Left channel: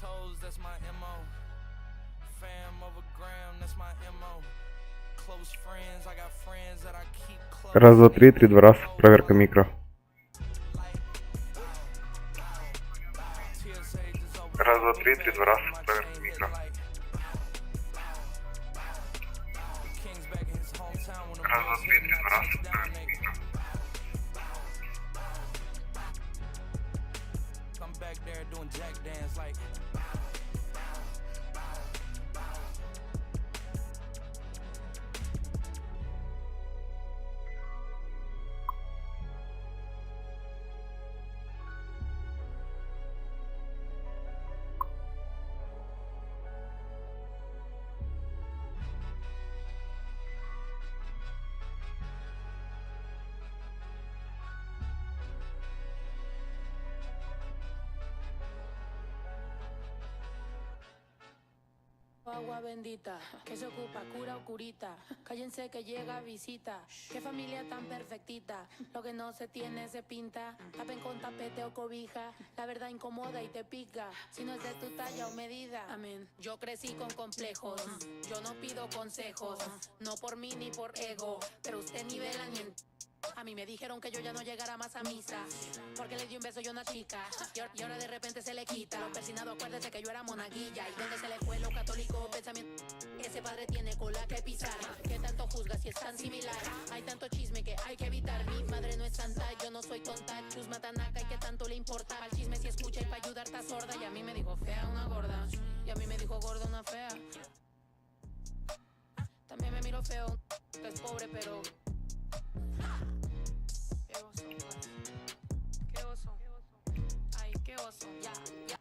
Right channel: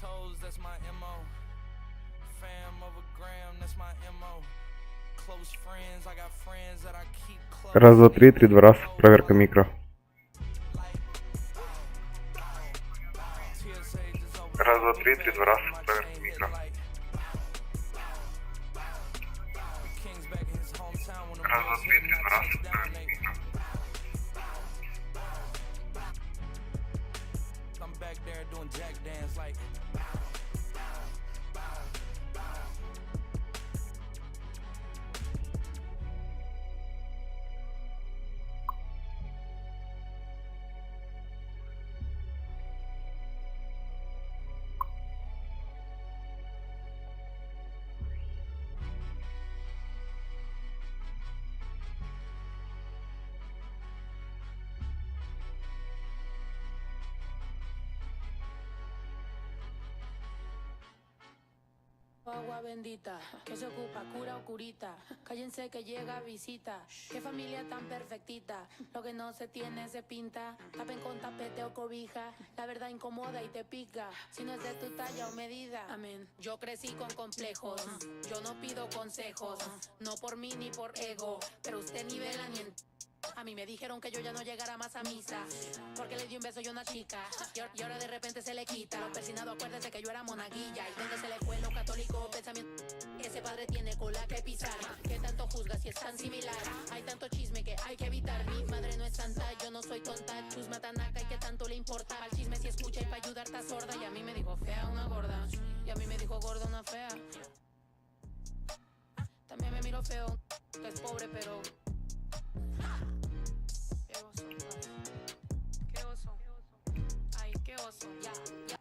toes, that's my MO. Fam over gram, that's my MO. Close friends, I got friends that I keep close. Раз, два, три, три, два раз. Проверка микро. Раз, два, три, три, два раз. Проверка микро. Раз, два, три, три, два раз. Проверка микро. I'm back there doing jack dance like. Agua bendita, que se ocupa, cura o curita. Cállense que llega visita. Qué familia tan perfectita. Lo que no se tiene se pinta. Tapen con tapete o cobija. La verdad incomoda y te pica. Si no es de tu talla o medida. Amén. Yo crecí con complejos. Yo no pido consejos. No por mí ni por ego. Pero usted nivela ni en... A mí me dijeron que yo ya no llegara más a misa, porque le di un beso yo a una chica, y ahora de repente se le quita. Lo persinado, acuérdese que yo era monaguilla, y donde se le fue lo católico pensamiento. Ese padre tiene cola que pisar, que tanto juzga si es tan similar. Hay tanto chisme que hay que evitar. Mi madre no es santa, yo no soy tonta. Chusma tanaca y que tanto le importa. Al chisme si escucha y para ayudar está sorda. Y a mí me dijo fea una gorda, y a mí me dijo gorda una fea. También me miro feo, que es pobre pero... Qué oso, qué oso, ay, qué oso, ya, ya.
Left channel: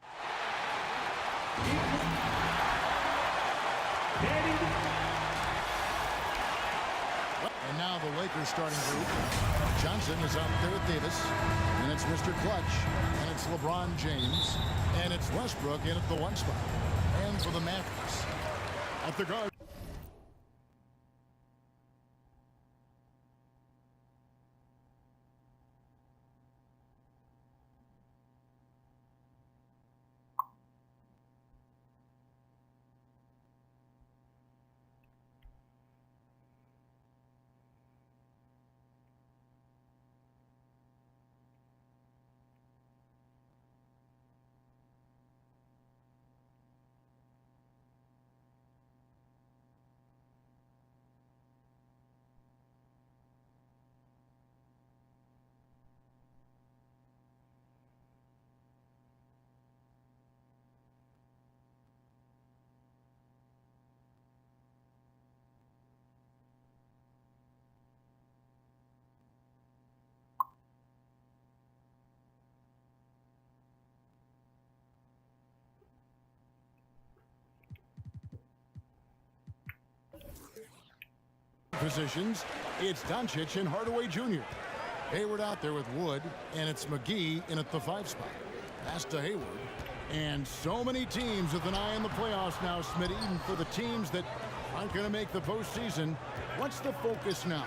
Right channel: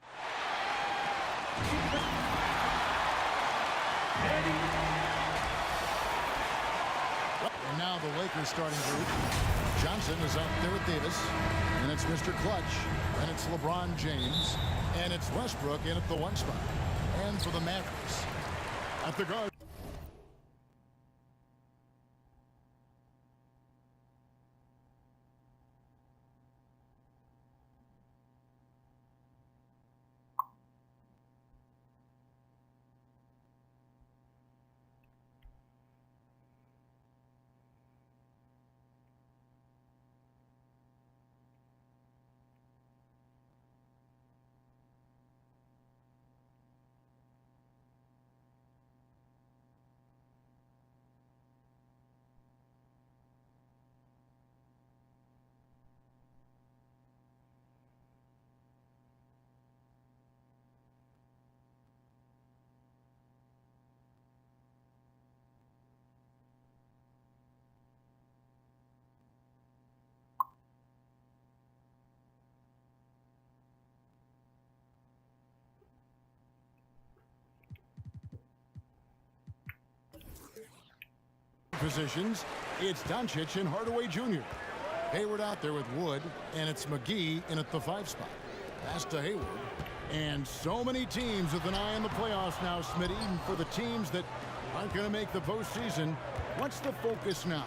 And now the Lakers starting group. Johnson is up there with Davis, and it's Mr. Clutch, and it's LeBron James, and it's Westbrook in at the one spot. And for the Mavericks, at the guard. Positions, it's Doncic and Hardaway Jr. Hayward out there with Wood, and it's McGee in at the 5 spot. Pass to Hayward. And so many teams with an eye on the playoffs now, Smitty, even for the teams that aren't going to make the postseason. What's the focus now?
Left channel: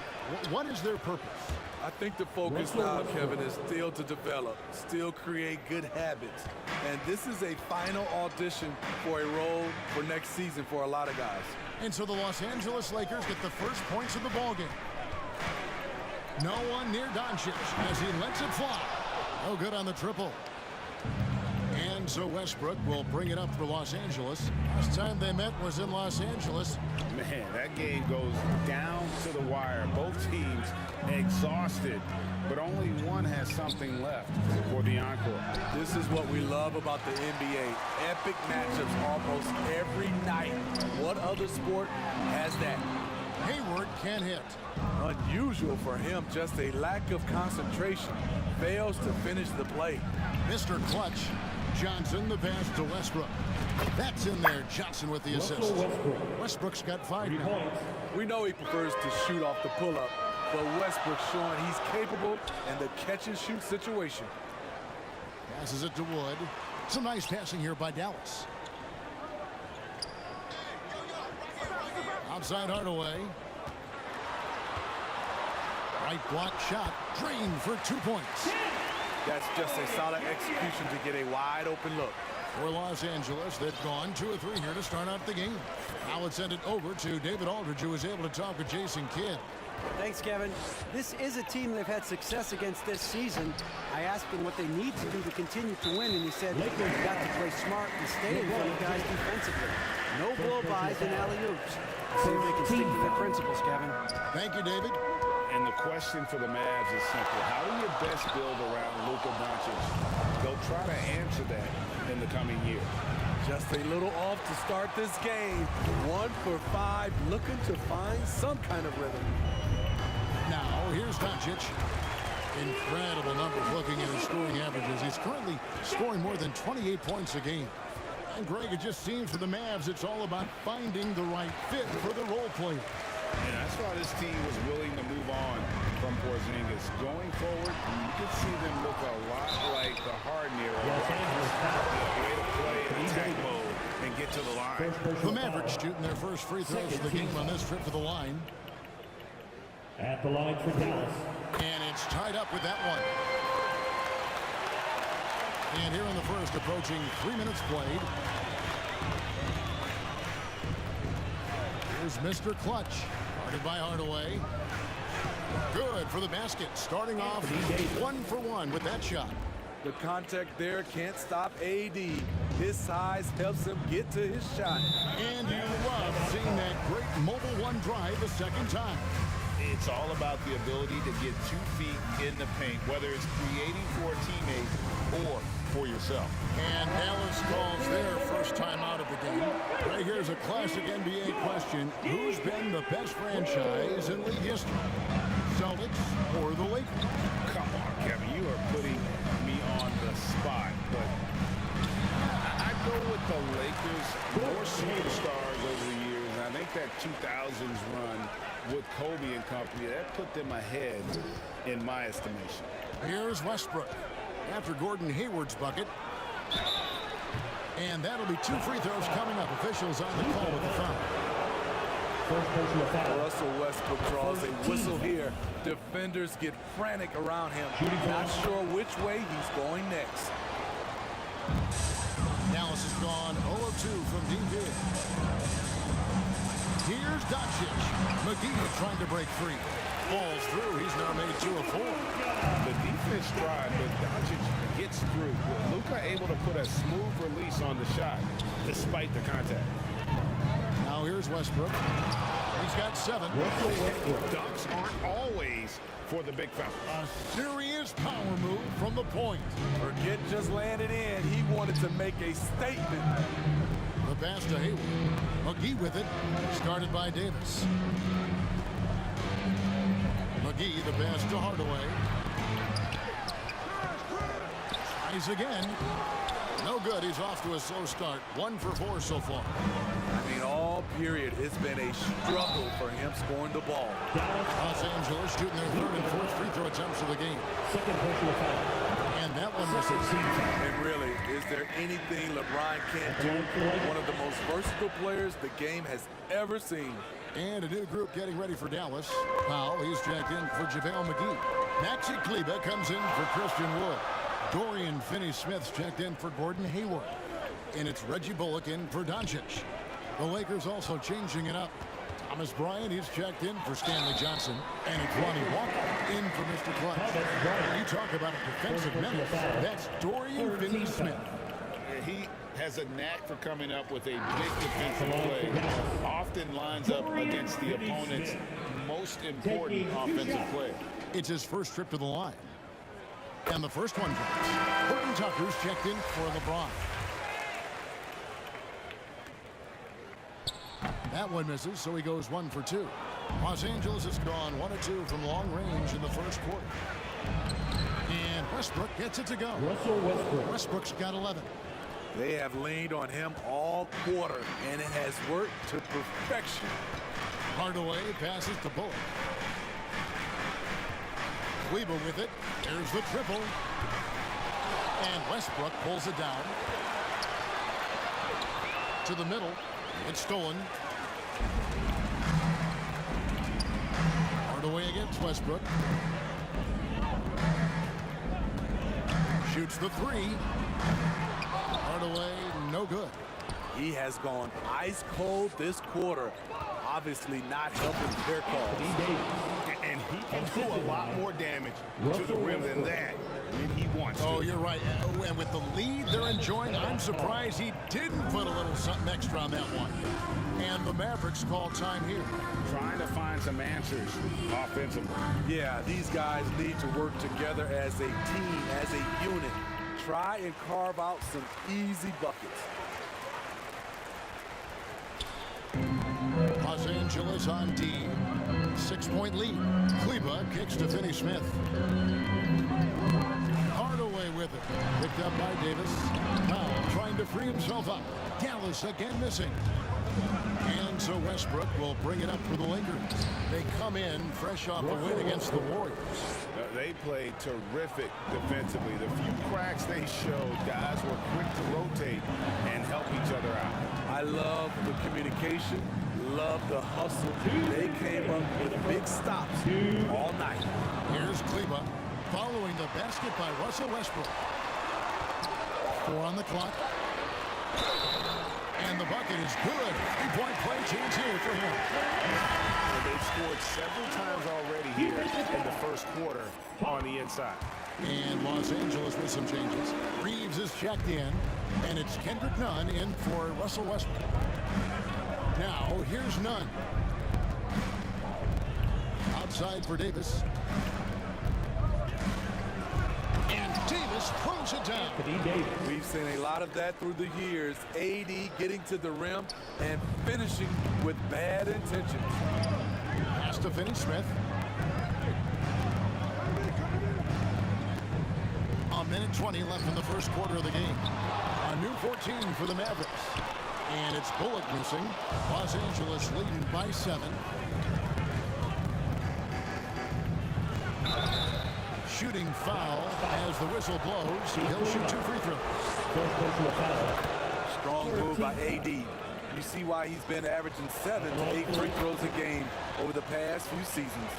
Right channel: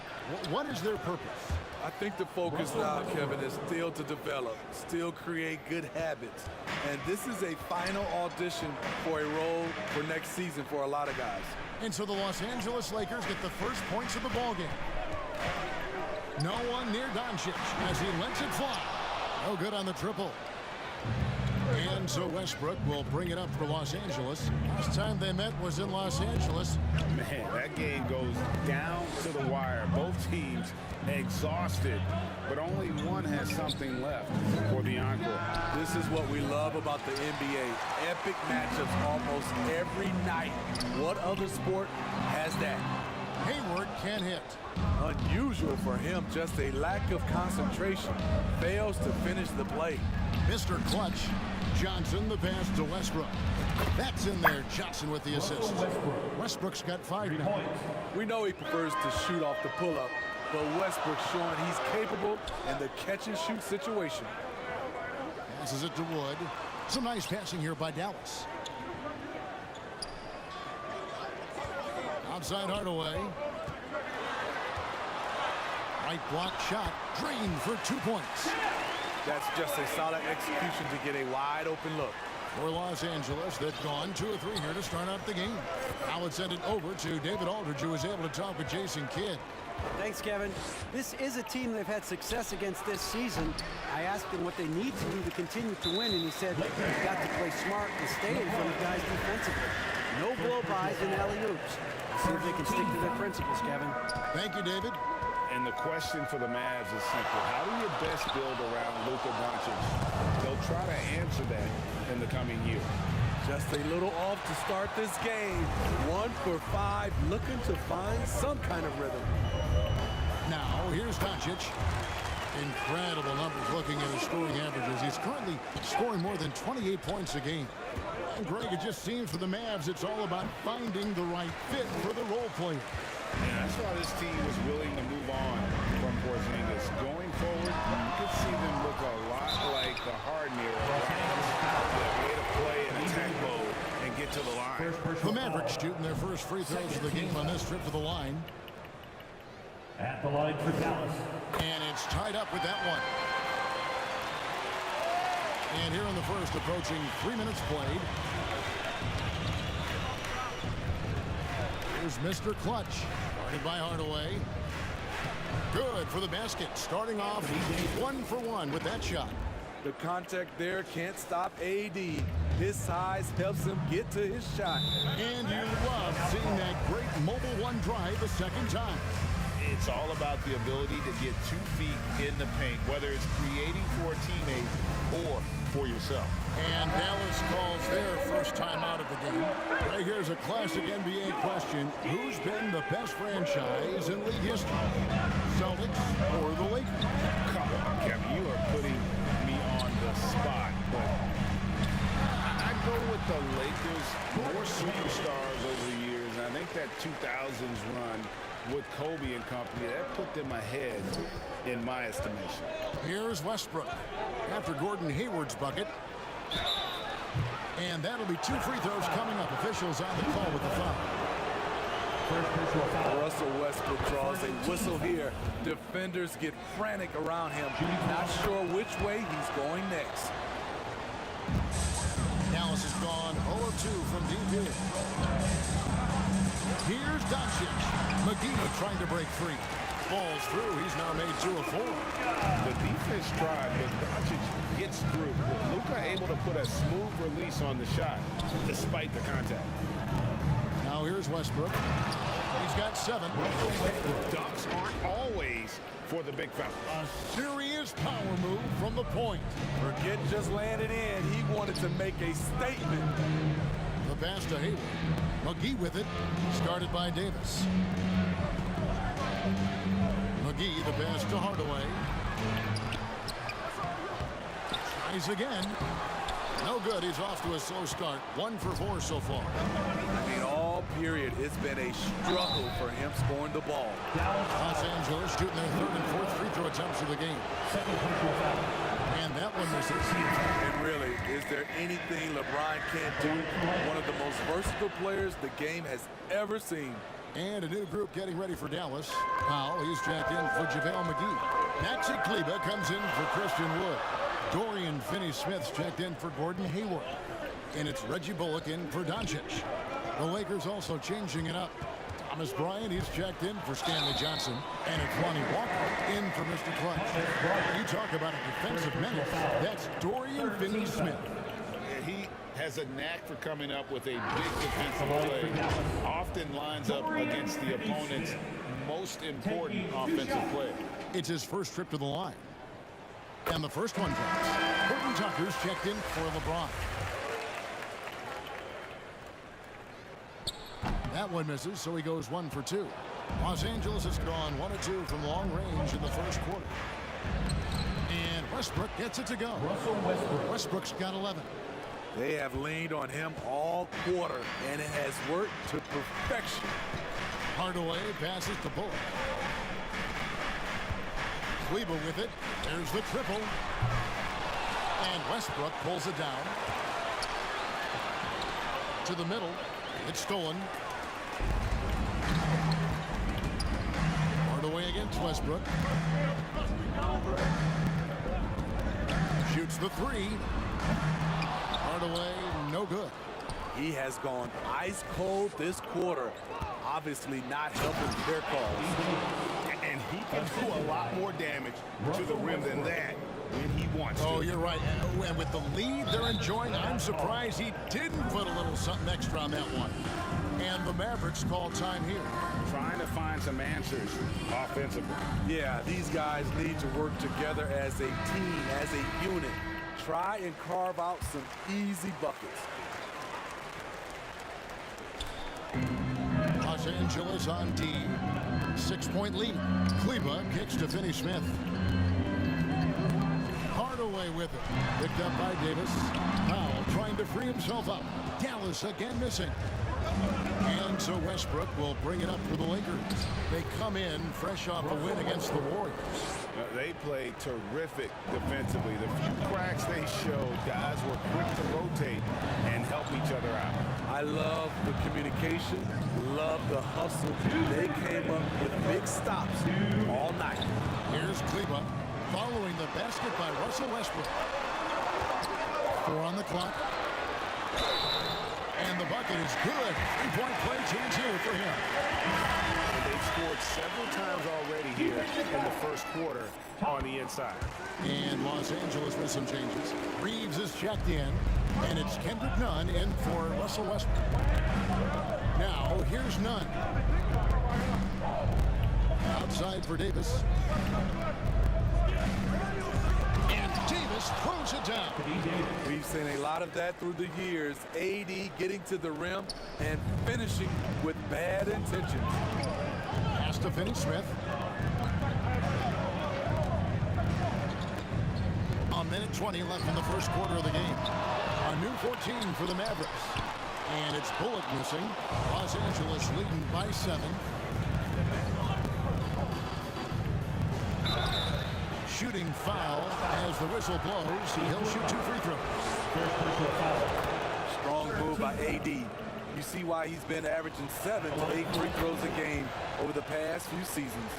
What is their purpose? I think the focus now, Kevin, is still to develop, still create good habits. And this is a final audition for a role for next season for a lot of guys. And so the Los Angeles Lakers get the first points of the ballgame. No one near Doncic as he lets it fly. No good on the triple. And so Westbrook will bring it up for Los Angeles. Last time they met was in Los Angeles. Man, that game goes down to the wire. Both teams exhausted, but only one has something left for the encore. This is what we love about the NBA. Epic matchups almost every night. What other sport has that? Hayward can't hit. Unusual for him, just a lack of concentration. Fails to finish the play. Mr. Clutch. Johnson, the pass to Westbrook. That's in there. Johnson with the assist. Westbrook's got 5 now. We know he prefers to shoot off the pull-up, but Westbrook's showing he's capable in the catch-and-shoot situation. Passes it to Wood. Some nice passing here by Dallas. Outside Hardaway. Right block shot. Drained for 2 points. That's just a solid execution to get a wide open look. for Los Angeles. They've gone 2 of 3 here to start out the game. Now let's send it over to David Aldridge, who was able to talk with Jason Kidd. Thanks, Kevin. This is a team they've had success against this season. I asked him what they need to do to continue to win, and he said, you've got to play smart and stay in front of guys defensively. No blow-bys and alley-oops. See if they can stick to their principles, Kevin. Thank you, David. And the question for the Mavs is simple. How do you best build around Luka Doncic? They'll try to answer that in the coming year. Just a little off to start this game. 1 for 5, looking to find some kind of rhythm. Now, here's Doncic. Incredible numbers looking at his scoring averages. He's currently scoring more than 28 points a game. And Greg, it just seems for the Mavs, it's all about finding the right fit for the role player. And that's why this team was willing to move on from Porzingis. Going forward, you could see them look a lot like the Harden era Rockets. Yeah, way to play in attack mode and get to the line. The Mavericks shooting their first free throws of the game on this trip to the line. At the line for Dallas. And it's tied up with that one. And here in the first, approaching 3 minutes played. Here's Mr. Clutch, guarded by Hardaway. Good for the basket, starting off 1 for 1 with that shot. The contact there can't stop AD. His size helps him get to his shot. And you love seeing that great mobile one drive a second time. It's all about the ability to get 2 feet in the paint, whether it's creating for a teammate or for yourself. And Dallas calls their first time out of the game. Right here's a classic NBA question. Who's been the best franchise in league history? Celtics or the Lakers? Come on, Kevin, you are putting me on the spot, but I go with the Lakers. More superstars over the years, and I think that 2000s run with Kobe and company, that put them ahead in my estimation. Here's Westbrook after Gordon Hayward's bucket. And that'll be 2 free throws coming up. Officials on the call with the foul. First personal foul. Russell Westbrook draws a whistle here. Defenders get frantic around him. Not sure which way he's going next. Dallas has gone 0 of 2 from deep here. Here's Doncic. McGee trying to break free. Falls through. He's now made 2 of 4. The defense tried, but Doncic gets through. Luka able to put a smooth release on the shot despite the contact. Now here's Westbrook. He's got 7. Dunks aren't always for the big fella. A serious power move from the point. Forget just laying it in. He wanted to make a statement. The pass to Hayward. McGee with it. Started by Davis. McGee, the pass to Hardaway. Tries again. No good. He's off to a slow start. 1 for 4 so far. I mean, all period, it's been a struggle for him scoring the ball. Los Angeles shooting their 3rd and 4th free throw attempts of the game. Second personal foul. And that one misses. And really, is there anything LeBron can't do? One of the most versatile players the game has ever seen. And a new group getting ready for Dallas. Powell, he's checked in for JaVale McGee. Maxi Kleber comes in for Christian Wood. Dorian Finney-Smith's checked in for Gordon Hayward. And it's Reggie Bullock in for Doncic. The Lakers also changing it up. Thomas Bryant, he's checked in for Stanley Johnson. And it's Lonnie Walker in for Mr. Clutch. You talk about a defensive menace. That's Dorian Finney-Smith. He has a knack for coming up with a big defensive play. Often lines up against the opponent's most important offensive play. It's his first trip to the line. And the first one drops. Horton Tucker's checked in for LeBron. That one misses, so he goes 1 for 2. Los Angeles has gone 1 of 2 from long range in the first quarter. And Westbrook gets it to go. Russell Westbrook. Westbrook's got 11. They have leaned on him all quarter, and it has worked to perfection. Hardaway passes to Bullock. Kleber with it. There's the triple. And Westbrook pulls it down. To the middle. It's stolen. Hardaway against Westbrook. Shoots the 3. Hardaway, no good. He has gone ice cold this quarter. Obviously not helping their cause. And he can do a lot more damage to the rim than that when he wants to. Oh, you're right. And with the lead they're enjoying, I'm surprised he didn't put a little something extra on that one. And the Mavericks call time here. Trying to find some answers offensively. Yeah, these guys need to work together as a team, as a unit. Try and carve out some easy buckets. Los Angeles on D. 6-point lead. Kleba kicks to Finney Smith. Hardaway with it. Picked up by Davis. Powell trying to free himself up. Dallas again missing. And so Westbrook will bring it up for the Lakers. They come in fresh off a win against the Warriors. They played terrific defensively. The few cracks they showed, guys were quick to rotate and help each other out. I love the communication, love the hustle. They came up with big stops all night. Here's Kleba following the basket by Russell Westbrook. 4 on the clock. And the bucket is good. 3-point play chance here for him. And they've scored several times already here in the first quarter on the inside. And Los Angeles with some changes. Reeves is checked in, and it's Kendrick Nunn in for Russell Westbrook. Now, here's Nunn. Outside for Davis. And Davis throws it down. We've seen a lot of that through the years. AD getting to the rim and finishing with bad intentions. Pass to Finney Smith. A minute 20 left in the first quarter of the game. A new 14 for the Mavericks. And it's Bullock missing. Los Angeles leading by 7. Shooting foul as the whistle blows. He'll shoot 2 free throws. First personal foul. Strong move by AD. You see why he's been averaging 7 to 8 free throws a game over the past few seasons.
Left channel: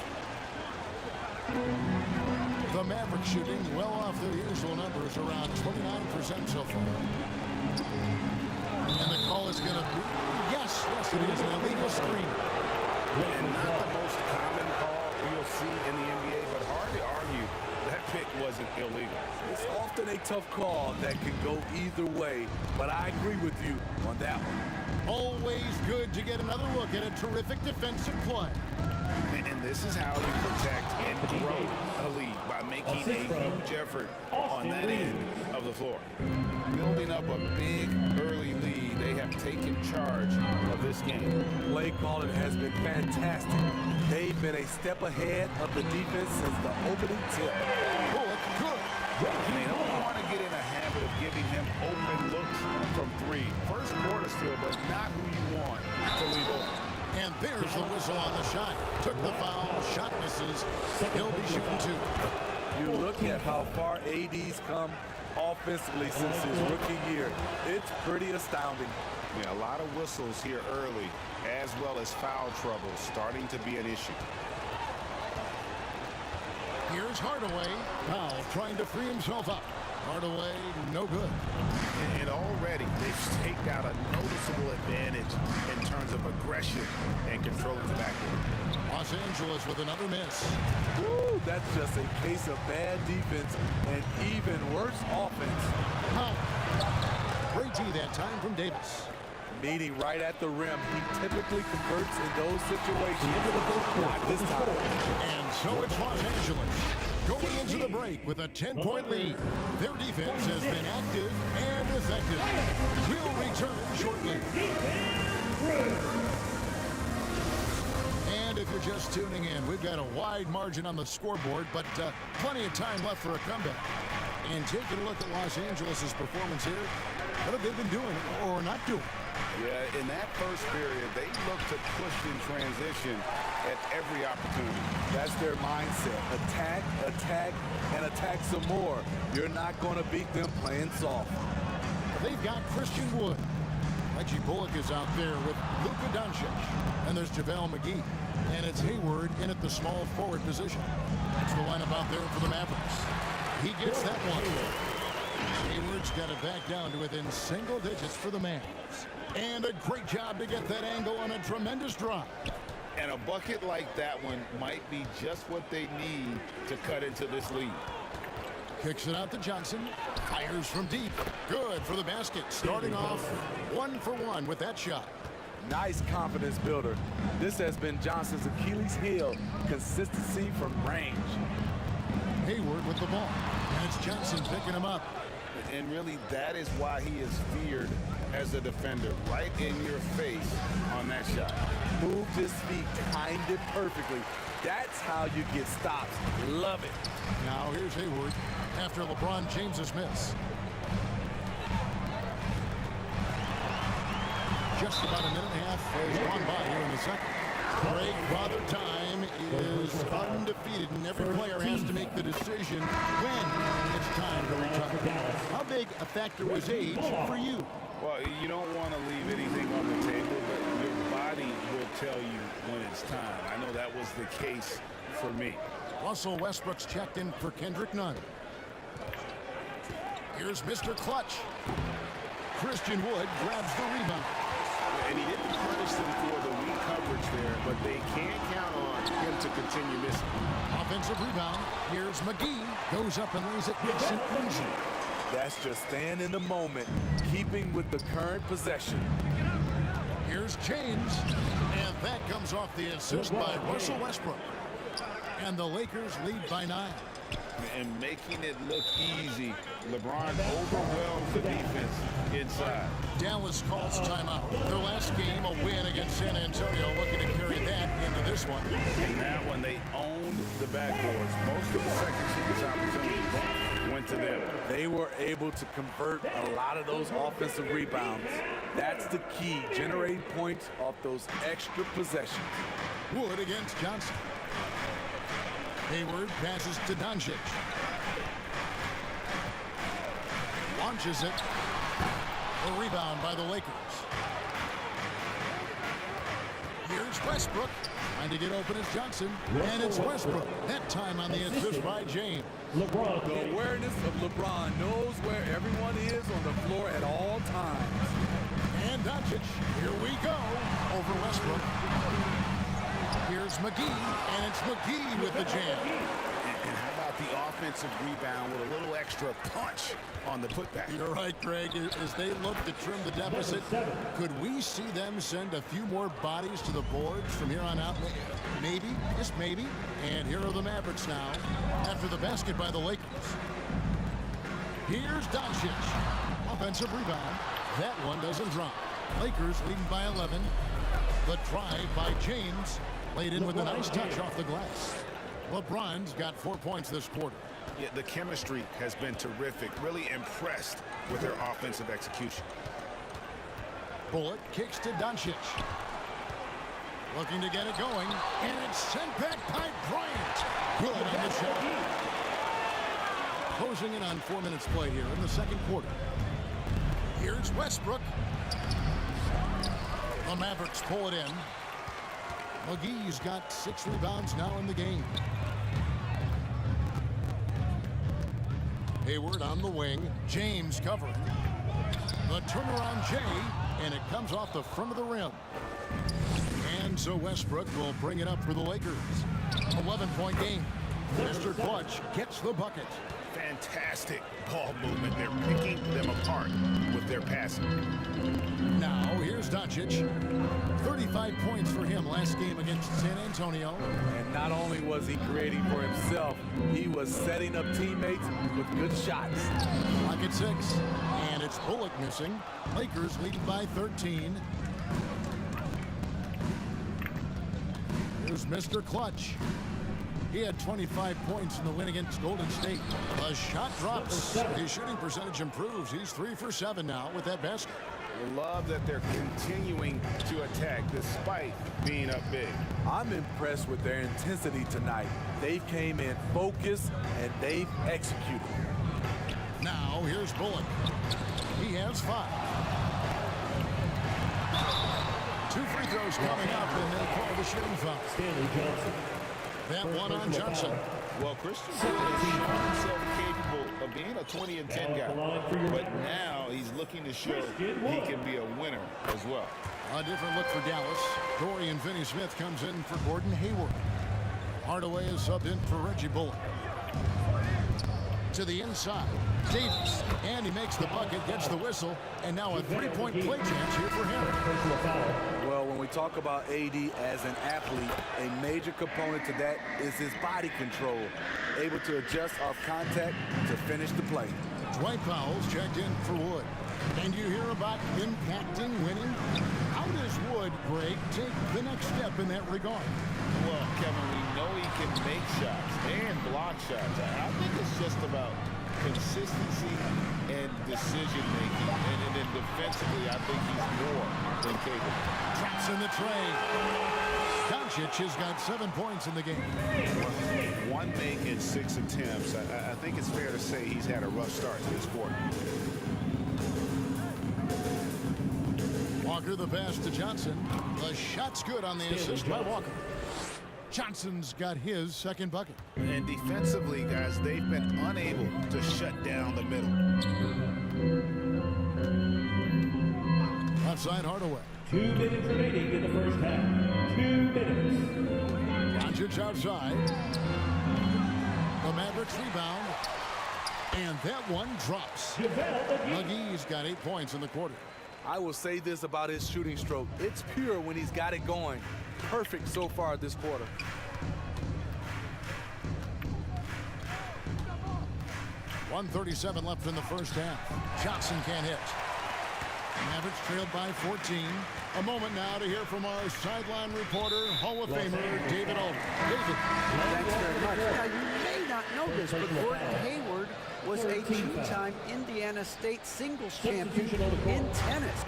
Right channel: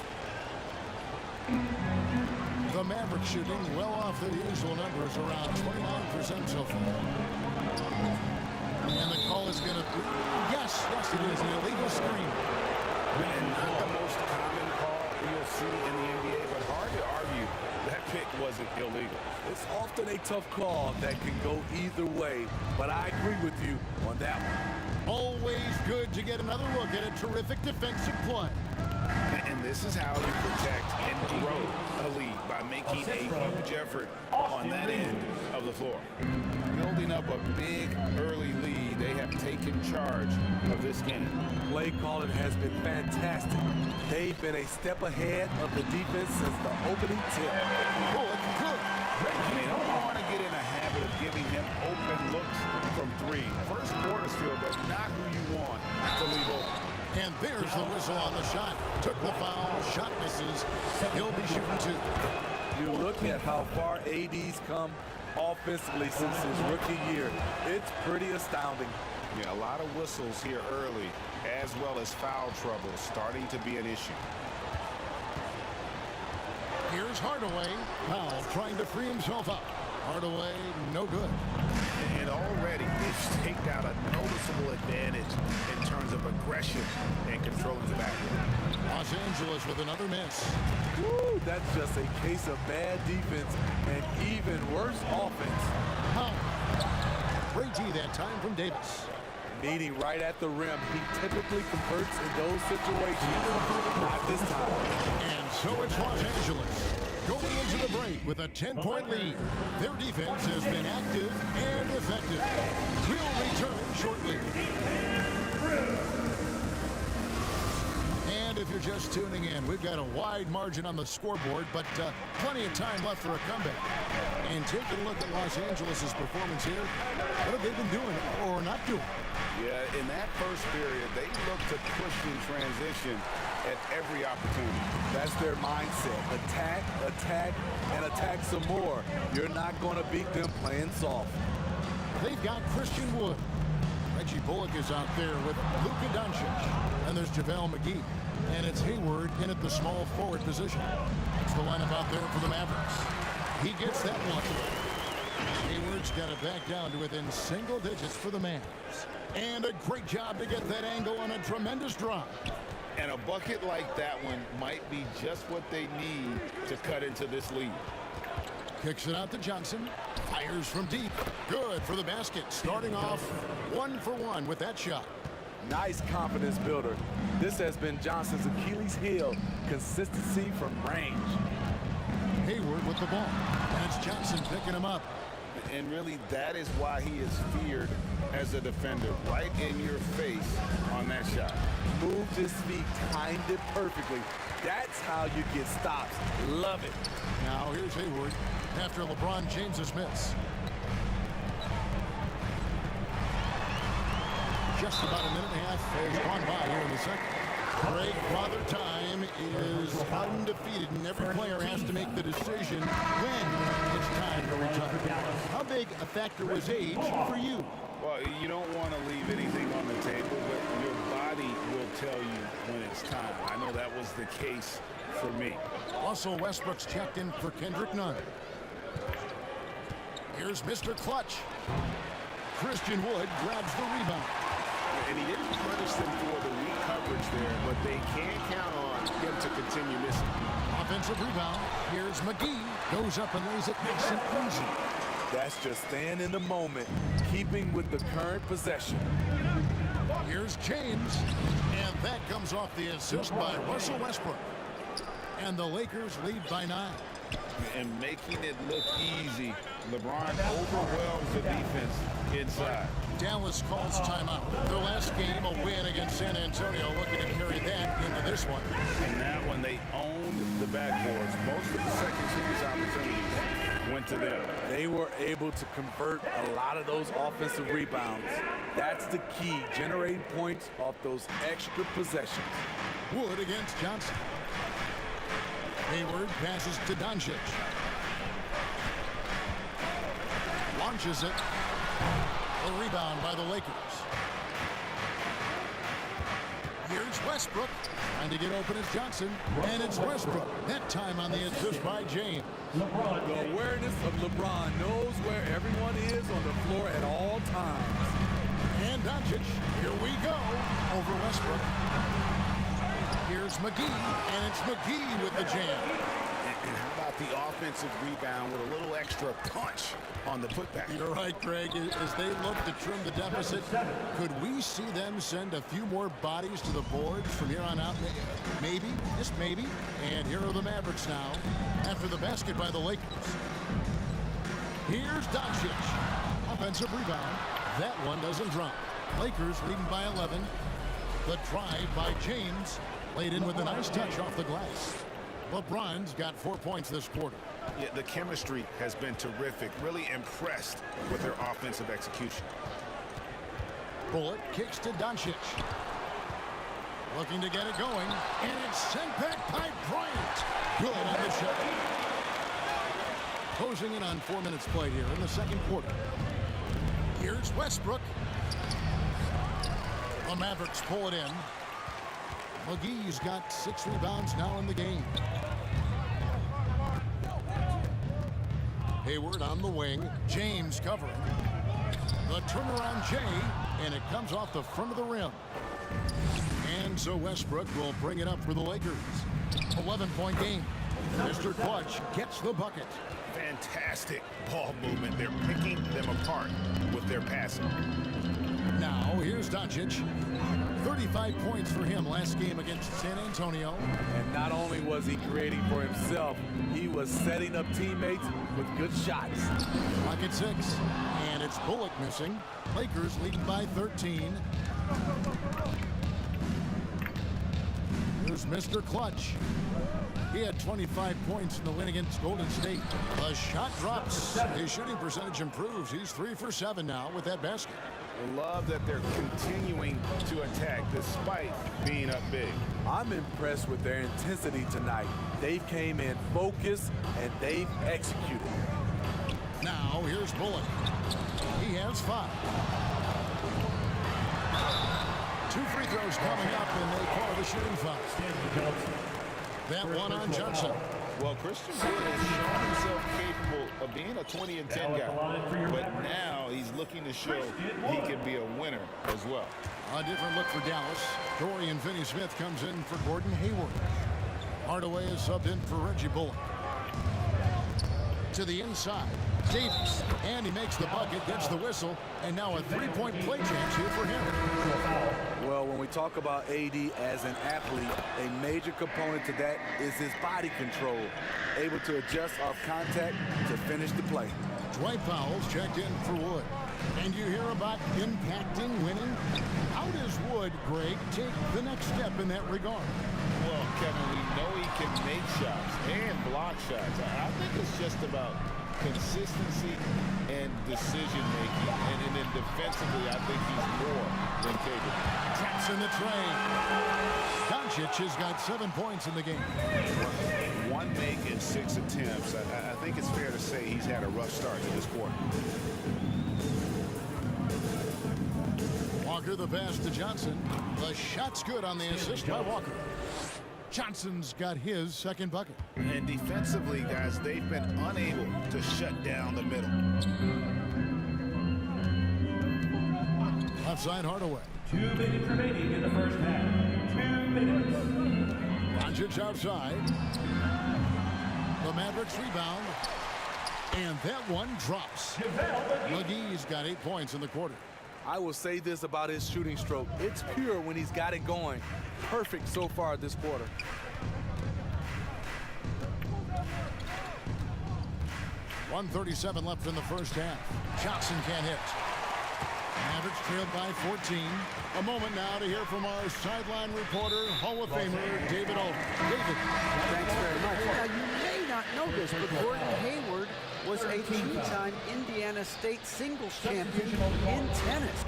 The Mavericks shooting well off their usual numbers, around 29% so far. And the call is going to be, yes, it is, an illegal screen. And not the most common call you'll see in the NBA, but hard to argue that pick wasn't illegal. It's often a tough call that can go either way, but I agree with you on that one. Always good to get another look at a terrific defensive play. And this is how you protect and grow a lead, by making a huge effort on that end of the floor. Building up a big early lead, they have taken charge of this game. Play calling has been fantastic. They've been a step ahead of the defense since the opening tip. Bullock good. And they don't want to get in a habit of giving him open looks from 3. First quarter still, but not who you want to leave open. And there's the whistle on the shot. Took the foul, shot misses. He'll be shooting 2. You look at how far AD's come offensively since his rookie year. It's pretty astounding. Yeah, a lot of whistles here early, as well as foul trouble starting to be an issue. Here's Hardaway. Powell trying to free himself up. Hardaway, no good. And already they've staked out a noticeable advantage in terms of aggression and controlling the backcourt. Los Angeles with another miss. Woo, that's just a case of bad defense and even worse offense. Powell. Great D that time from Davis. Meeting right at the rim, he typically converts in those situations. Not this time. And so it's Los Angeles going into the break with a 10-point lead. Their defense has been active and effective. We'll return shortly. And if you're just tuning in, we've got a wide margin on the scoreboard, but plenty of time left for a comeback. And taking a look at Los Angeles' performance here, what have they been doing or not doing? Yeah, in that first period, they looked to push in transition at every opportunity. That's their mindset. Attack, attack, and attack some more. You're not going to beat them playing soft. They've got Christian Wood. Reggie Bullock is out there with Luka Doncic. And there's JaVale McGee. And it's Hayward in at the small forward position. That's the lineup out there for the Mavericks. He gets that one. Hayward's got it back down to within single digits for the Mavs. And a great job to get that angle on a tremendous drop. And a bucket like that one might be just what they need to cut into this lead. Kicks it out to Johnson. Fires from deep. Good for the basket. Starting off 1 for 1 with that shot. Nice confidence builder. This has been Johnson's Achilles heel, consistency from range. Hayward with the ball. And it's Johnson picking him up. And really, that is why he is feared as a defender, right in your face on that shot. Moved his feet, timed it perfectly. That's how you get stops. Love it. Now here's Hayward after LeBron James's miss. Just about a minute and a half has gone by here in the second. Greg, Father Time is undefeated, and every player has to make the decision when it's time to retire. How big a factor was age for you? Well, you don't want to leave anything on the table, but your body will tell you when it's time. I know that was the case for me. Russell Westbrook's checked in for Kendrick Nunn. Here's Mr. Clutch. Christian Wood grabs the rebound. And he didn't punish them for the weak coverage there, but they can't count on him to continue missing. Offensive rebound. Here's McGee. Goes up and lays it nice and easy. That's just staying in the moment, keeping with the current possession. Here's James. And that comes off the assist by Russell Westbrook. And the Lakers lead by 9. And making it look easy, LeBron overwhelms the defense inside. Dallas calls timeout. Their last game, a win against San Antonio, looking to carry that into this one. And that one, they owned the backboards. Most of the second chance opportunities went to them. They were able to convert a lot of those offensive rebounds. That's the key, generating points off those extra possessions. Wood against Johnson. Hayward passes to Doncic. Launches it. A rebound by the Lakers. Here's Westbrook. Trying to get open as Johnson. And it's Westbrook. That time on the assist by James. The awareness of LeBron knows where everyone is on the floor at all times. And Doncic. Here we go. Over Westbrook. Here's McGee, and it's McGee with the jam. And how about the offensive rebound with a little extra punch on the putback? You're right, Greg. As they look to trim the deficit, could we see them send a few more bodies to the boards from here on out? Maybe, just maybe. And here are the Mavericks now after the basket by the Lakers. Here's Doncic. Offensive rebound. That one doesn't drop. Lakers leading by 11. The drive by James. Laid in with a nice touch off the glass. LeBron's got 4 points this quarter. Yeah, the chemistry has been terrific. Really impressed with their offensive execution. Bullock kicks to Doncic. Looking to get it going. And it's sent back by Bryant. Good on the shot. Closing in on 4 minutes play here in the second quarter. Here's Westbrook. The Mavericks pull it in. McGee's got 6 rebounds now in the game. Hayward on the wing. James covering. The turnaround Jay, and it comes off the front of the rim. And so Westbrook will bring it up for the Lakers. 11-point game. Mr. Clutch gets the bucket. Fantastic ball movement. They're picking them apart with their passing. Now, here's Doncic. 35 points for him last game against San Antonio. And not only was he creating for himself, he was setting up teammates with good shots. Clock at 6. And it's Bullock missing. Lakers leading by 13. Here's Mr. Clutch. He had 25 points in the win against Golden State. The shot drops. His shooting percentage improves. He's 3 for 7 now with that basket. Love that they're continuing to attack despite being up big. I'm impressed with their intensity tonight. They came in focused and they've executed. Now here's Bullock. He has 5. 2 free throws coming up, and they call the shooting foul. Stanley Johnson. That one on Johnson. Well, Christian Wood has shown himself capable of being a 20 and 10 guy, but now he's looking to show he can be a winner as well. A different look for Dallas. Dorian Finney-Smith comes in for Gordon Hayward. Hardaway is subbed in for Reggie Bullock. To the inside, Davis, and he makes the bucket, gets the whistle, and now a three-point play chance here for him. Well, when we talk about AD as an athlete, a major component to that is his body control, able to adjust off contact to finish the play. Dwight Powell's checked in for Wood. And you hear about impacting winning? How does Wood, Greg, take the next step in that regard? Well, Kevin, we know he can make shots and block shots. I think it's just about consistency and decision-making. And then defensively, I think he's more than capable. Traps in the tray. Doncic has got 7 points in the game. One make in 6 attempts. I think it's fair to say he's had a rough start to this quarter. Walker the pass to Johnson. The shot's good on the assist by Walker. Johnson's got his second bucket. And defensively, guys, they've been unable to shut down the middle. Left side Hardaway. 2 minutes remaining in the first half. 2 minutes. Doncic outside. The Mavericks rebound. And that one drops. McGee's got 8 points in the quarter. I will say this about his shooting stroke. It's pure when he's got it going. Perfect so far this quarter. .137 left in the first half. Johnson can't hit. Mavericks trailed by 14. A moment now to hear from our sideline reporter, Hall of Famer David Alden. David. Thanks very much. Now, you may not know this, but Gordon Hayward was a 2-time Indiana State singles champion in tennis.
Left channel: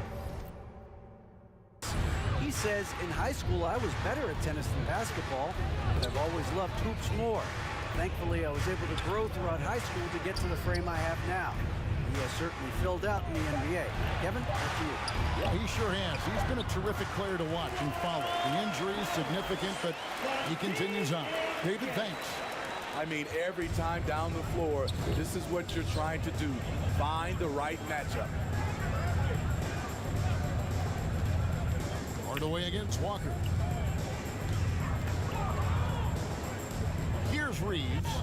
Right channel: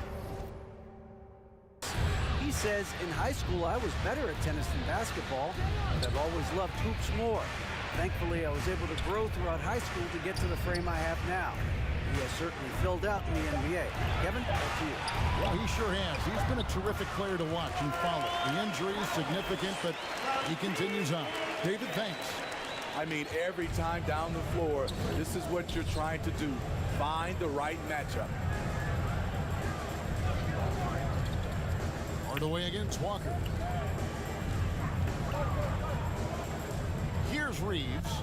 He says, in high school, I was better at tennis than basketball, but I've always loved hoops more. Thankfully, I was able to grow throughout high school to get to the frame I have now. He has certainly filled out in the NBA. Kevin, back to you. Yeah, he sure has. He's been a terrific player to watch and follow. The injury is significant, but he continues on. David, thanks. I mean, every time down the floor, this is what you're trying to do. Find the right matchup. Hardaway against Walker. Here's Reeves.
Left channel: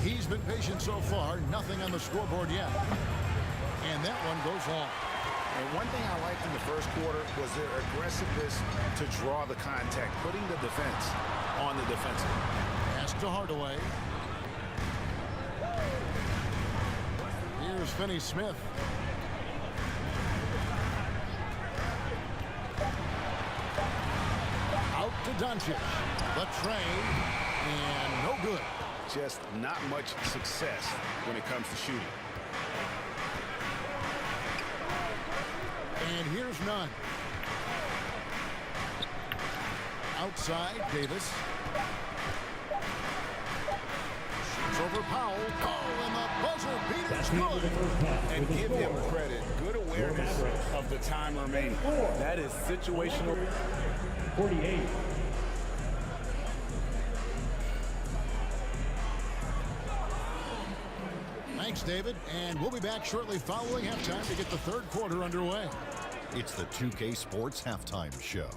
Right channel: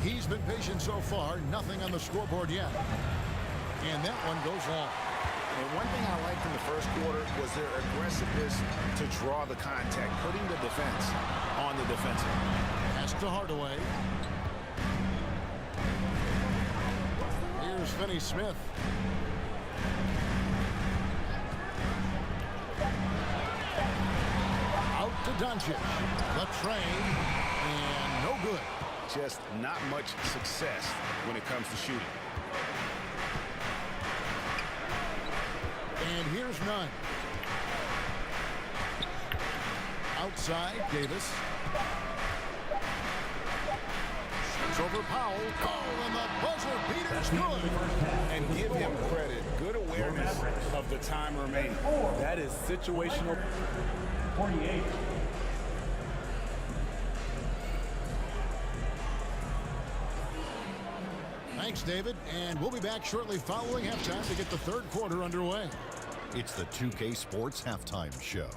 He's been patient so far. Nothing on the scoreboard yet. And that one goes long. And one thing I liked in the first quarter was their aggressiveness to draw the contact, putting the defense on the defensive. Pass to Hardaway. Here's Finney-Smith. Out to Doncic. The tray. And no good. Just not much success when it comes to shooting. And here's none. Outside, Davis. Shoots over Powell. Oh, and the buzzer beater's good. And give him credit. Good awareness of the time remaining. That is situational. 48. Thanks, David. And we'll be back shortly following halftime to get the third quarter underway. It's the 2K Sports Halftime Show.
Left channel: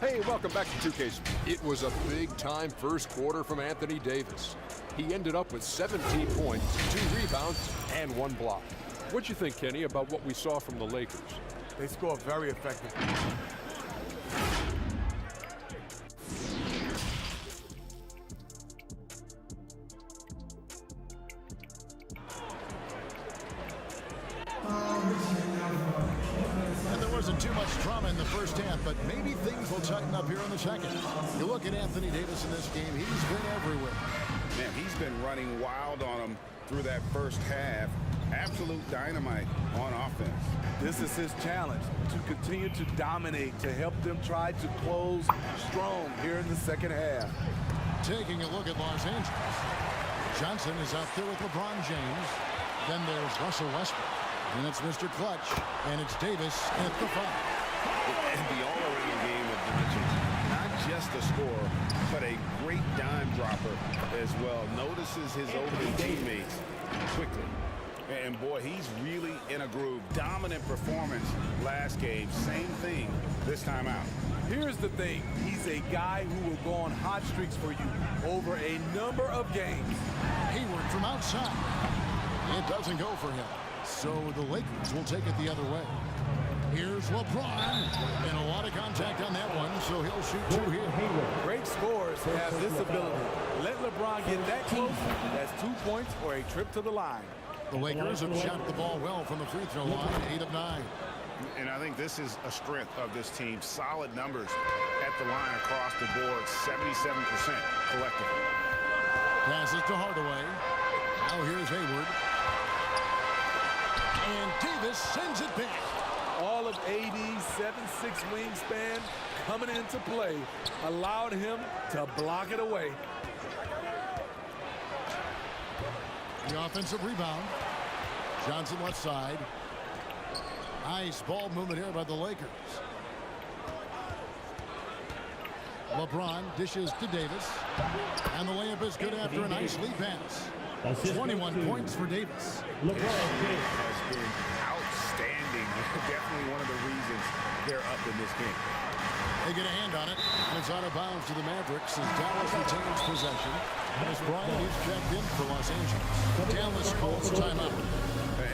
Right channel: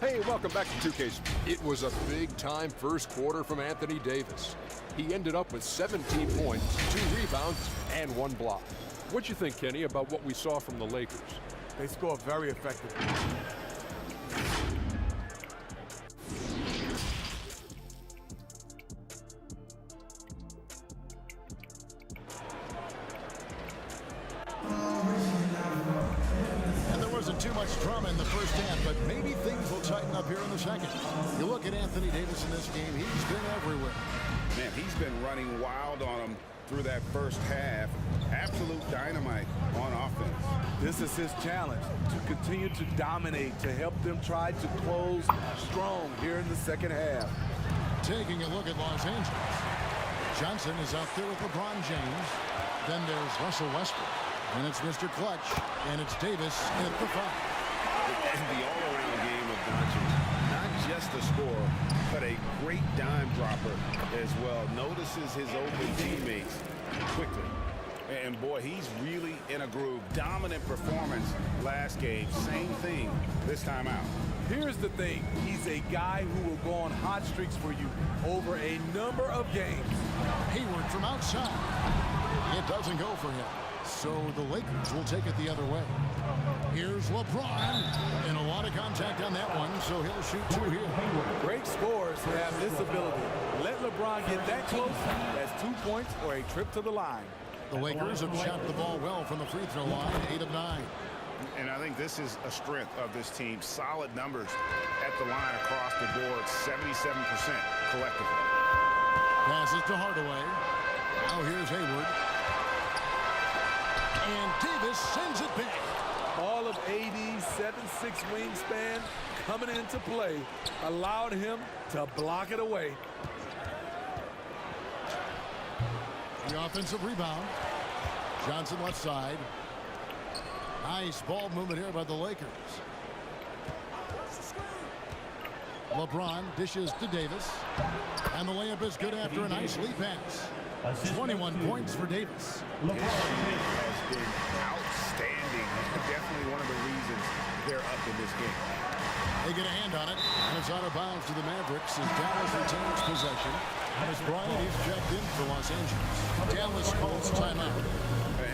Hey, welcome back to 2K. It was a big-time first quarter from Anthony Davis. He ended up with 17 points, 2 rebounds, and 1 block. What'd you think, Kenny, about what we saw from the Lakers? They score very effectively. And there wasn't too much drama in the first half, but maybe things will tighten up here in the second. You look at Anthony Davis in this game, he's been everywhere. Man, he's been running wild on them through that first half. Absolute dynamite on offense. This is his challenge, to continue to dominate, to help them try to close strong here in the second half. Taking a look at Los Angeles. Johnson is out there with LeBron James. Then there's Russell Westbrook. Then it's Mr. Clutch. And it's Davis at the 5. And the all-around game of Doncic, not just a scorer, but a great dime dropper as well. Notices his open teammates quickly. And boy, he's really in a groove. Dominant performance last game. Same thing this time out. Here's the thing. He's a guy who will go on hot streaks for you over a number of games. Hayward from outside. It doesn't go for him. So the Lakers will take it the other way. Here's LeBron. And a lot of contact on that one, so he'll shoot two here. Great scorers have this ability. Let LeBron get that close. That's 2 points or a trip to the line. The Lakers have shot the ball well from the free throw line, 8 of 9. And I think this is a strength of this team. Solid numbers at the line across the board, 77% collectively. Passes to Hardaway. Now here's Hayward. And Davis sends it back. All of AD's 7'6" wingspan coming into play allowed him to block it away. The offensive rebound. Johnson left side. Nice ball movement here by the Lakers. LeBron dishes to Davis. And the layup is good after a nice lead pass. 21 points for Davis. His shoot has been outstanding. Definitely one of the reasons they're up in this game. They get a hand on it, and it's out of bounds to the Mavericks as Dallas retains possession. As Bryant is checked in for Los Angeles. Dallas calls timeout.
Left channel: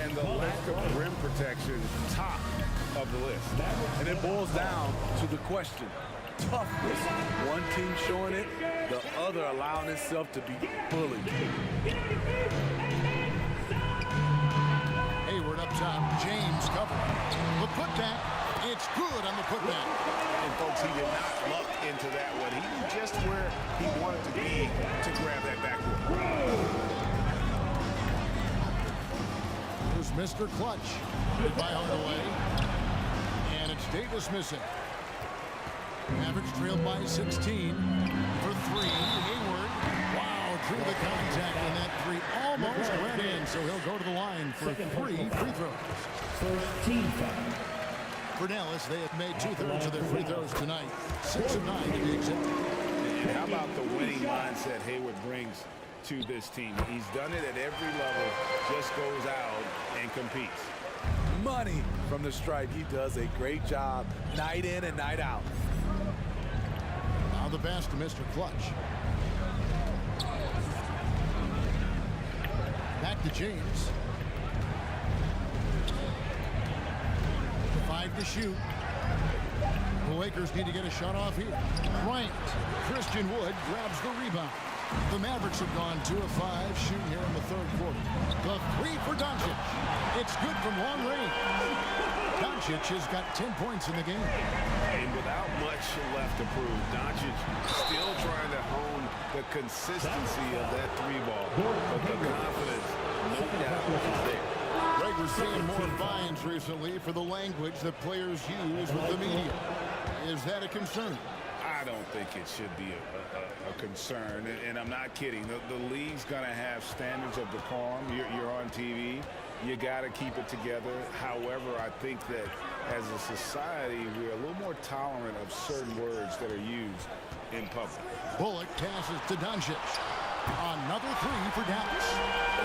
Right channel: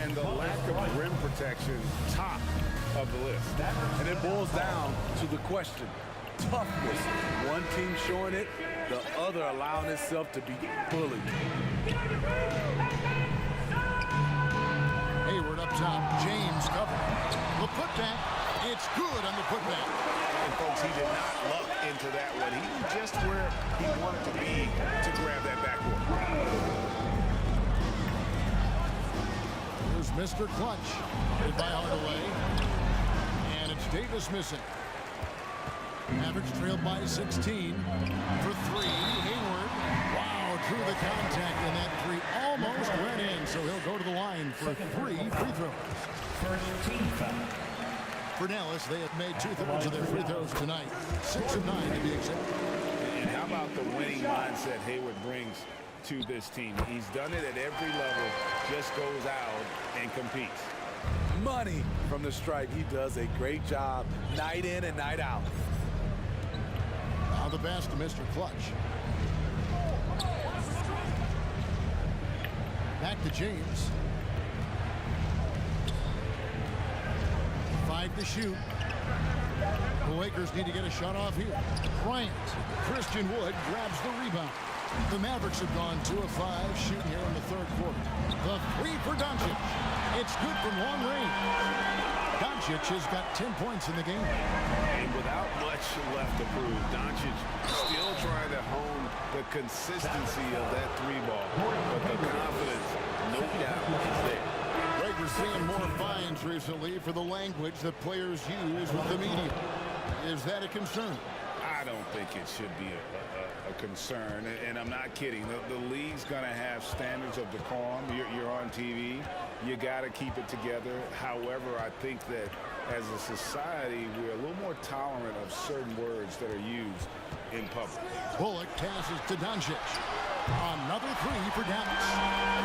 And the lack of rim protection, top of the list. And it boils down to the question. Toughness. One team showing it, the other allowing itself to be bullied. Hayward up top. James covering. The putback. It's good on the putback. And folks, he did not luck into that one. He knew just where he wanted to be to grab that backboard. Here's Mr. Clutch. Hit by Hardaway. And it's Davis missing. Mavericks trailed by 16 for 3. Hayward. Wow, drew the contact, and that 3 almost went in. So he'll go to the line for 3 free throws. First team foul. For Dallas, they have made 2/3 of their free throws tonight. 6 of 9 to be exact. And how about the winning mindset Hayward brings to this team? He's done it at every level, just goes out and competes. Money from the stripe. He does a great job night in and night out. Now the pass to Mr. Clutch. Back to James. 5 to shoot. The Lakers need to get a shot off here. Bryant. Christian Wood grabs the rebound. The Mavericks have gone 2 of 5 shooting here in the third quarter. The 3 for Doncic. It's good from long range. Doncic has got 10 points in the game. And without much left to prove, Doncic still trying to hone the consistency of that 3 ball. But the confidence, no doubt, is there. Greg, we're seeing more fines recently for the language that players use with the media. Is that a concern? I don't think it should be a concern, and I'm not kidding. The league's going to have standards of decorum. You're on TV. You got to keep it together. However, I think that as a society, we're a little more tolerant of certain words that are used in public. Bullock passes to Doncic. Another 3 for Dallas.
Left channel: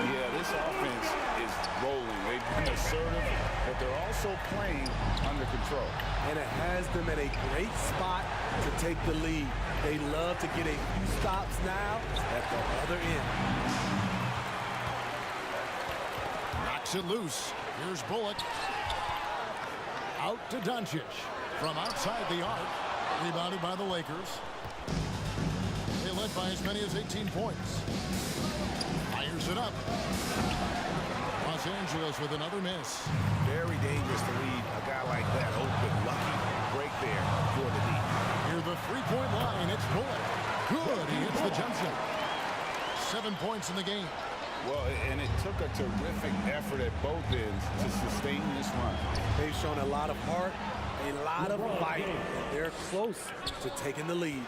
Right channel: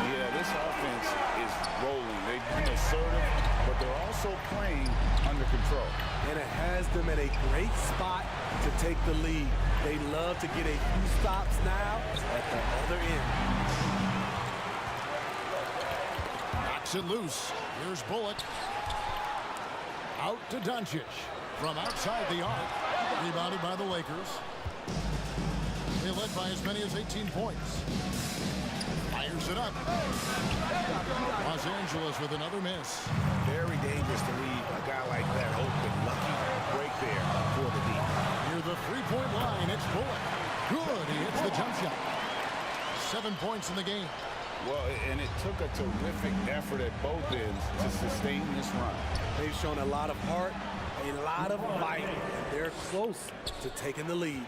Yeah, this offense is rolling. They've been assertive, but they're also playing under control. And it has them at a great spot to take the lead. They love to get a few stops now at the other end. Knocks it loose. Here's Bullock. Out to Doncic. From outside the arc. Rebounded by the Lakers. They led by as many as 18 points. Fires it up. Los Angeles with another miss. Very dangerous to leave a guy like that open. Lucky break there for the D. Near the three-point line, it's Bullock. Good, he hits the jump shot. 7 points in the game. Well, and it took a terrific effort at both ends to sustain this run. They've shown a lot of heart, a lot of fight, and they're close to taking the lead.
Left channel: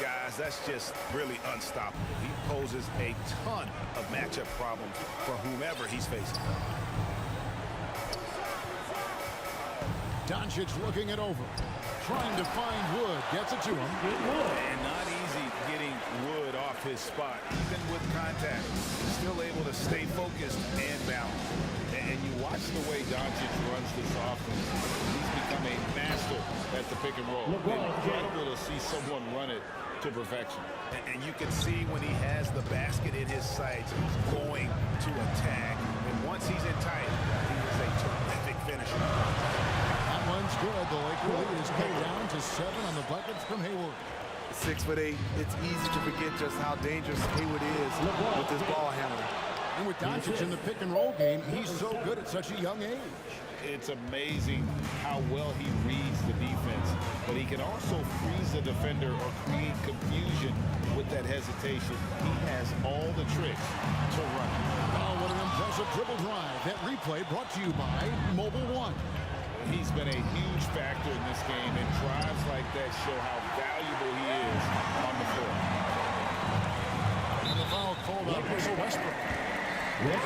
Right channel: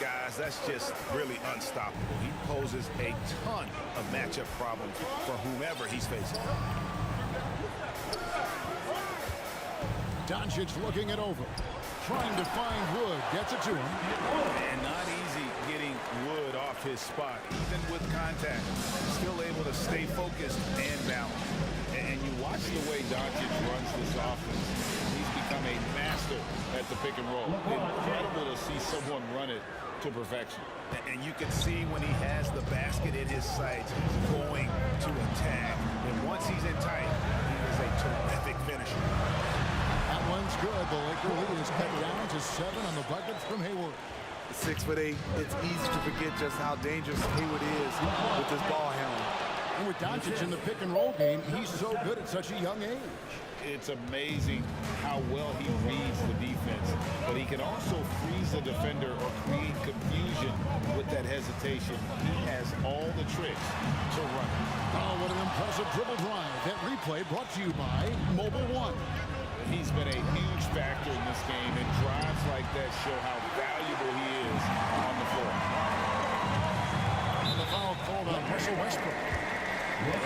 Guys, that's just really unstoppable. He poses a ton of matchup problems for whomever he's facing. Doncic looking it over. trying to find Wood. Gets it to him. And not easy getting Wood off his spot, even with contact. Still able to stay focused and balanced. And you watch the way Doncic runs this offense. He's become a master at the pick and roll. Incredible to see someone run it to perfection. And you can see when he has the basket in his sights, he's going to attack. And once he's in tight, he is a terrific finisher. That one's good. The Laker lead is cut down to 7 on the bucket from Hayward. 6'8", it's easy to forget just how dangerous Hayward is with his ball handling. And with Doncic in the pick and roll game, he's so good at such a young age. It's amazing how well he reads the defense, but he can also freeze a defender or create confusion with that hesitation. He has all the tricks to run it. Oh, what an impressive dribble drive. That replay brought to you by Mobile One. He's been a huge factor in this game, and drives like that show how valuable he is on the floor. And the foul called on Russell Westbrook.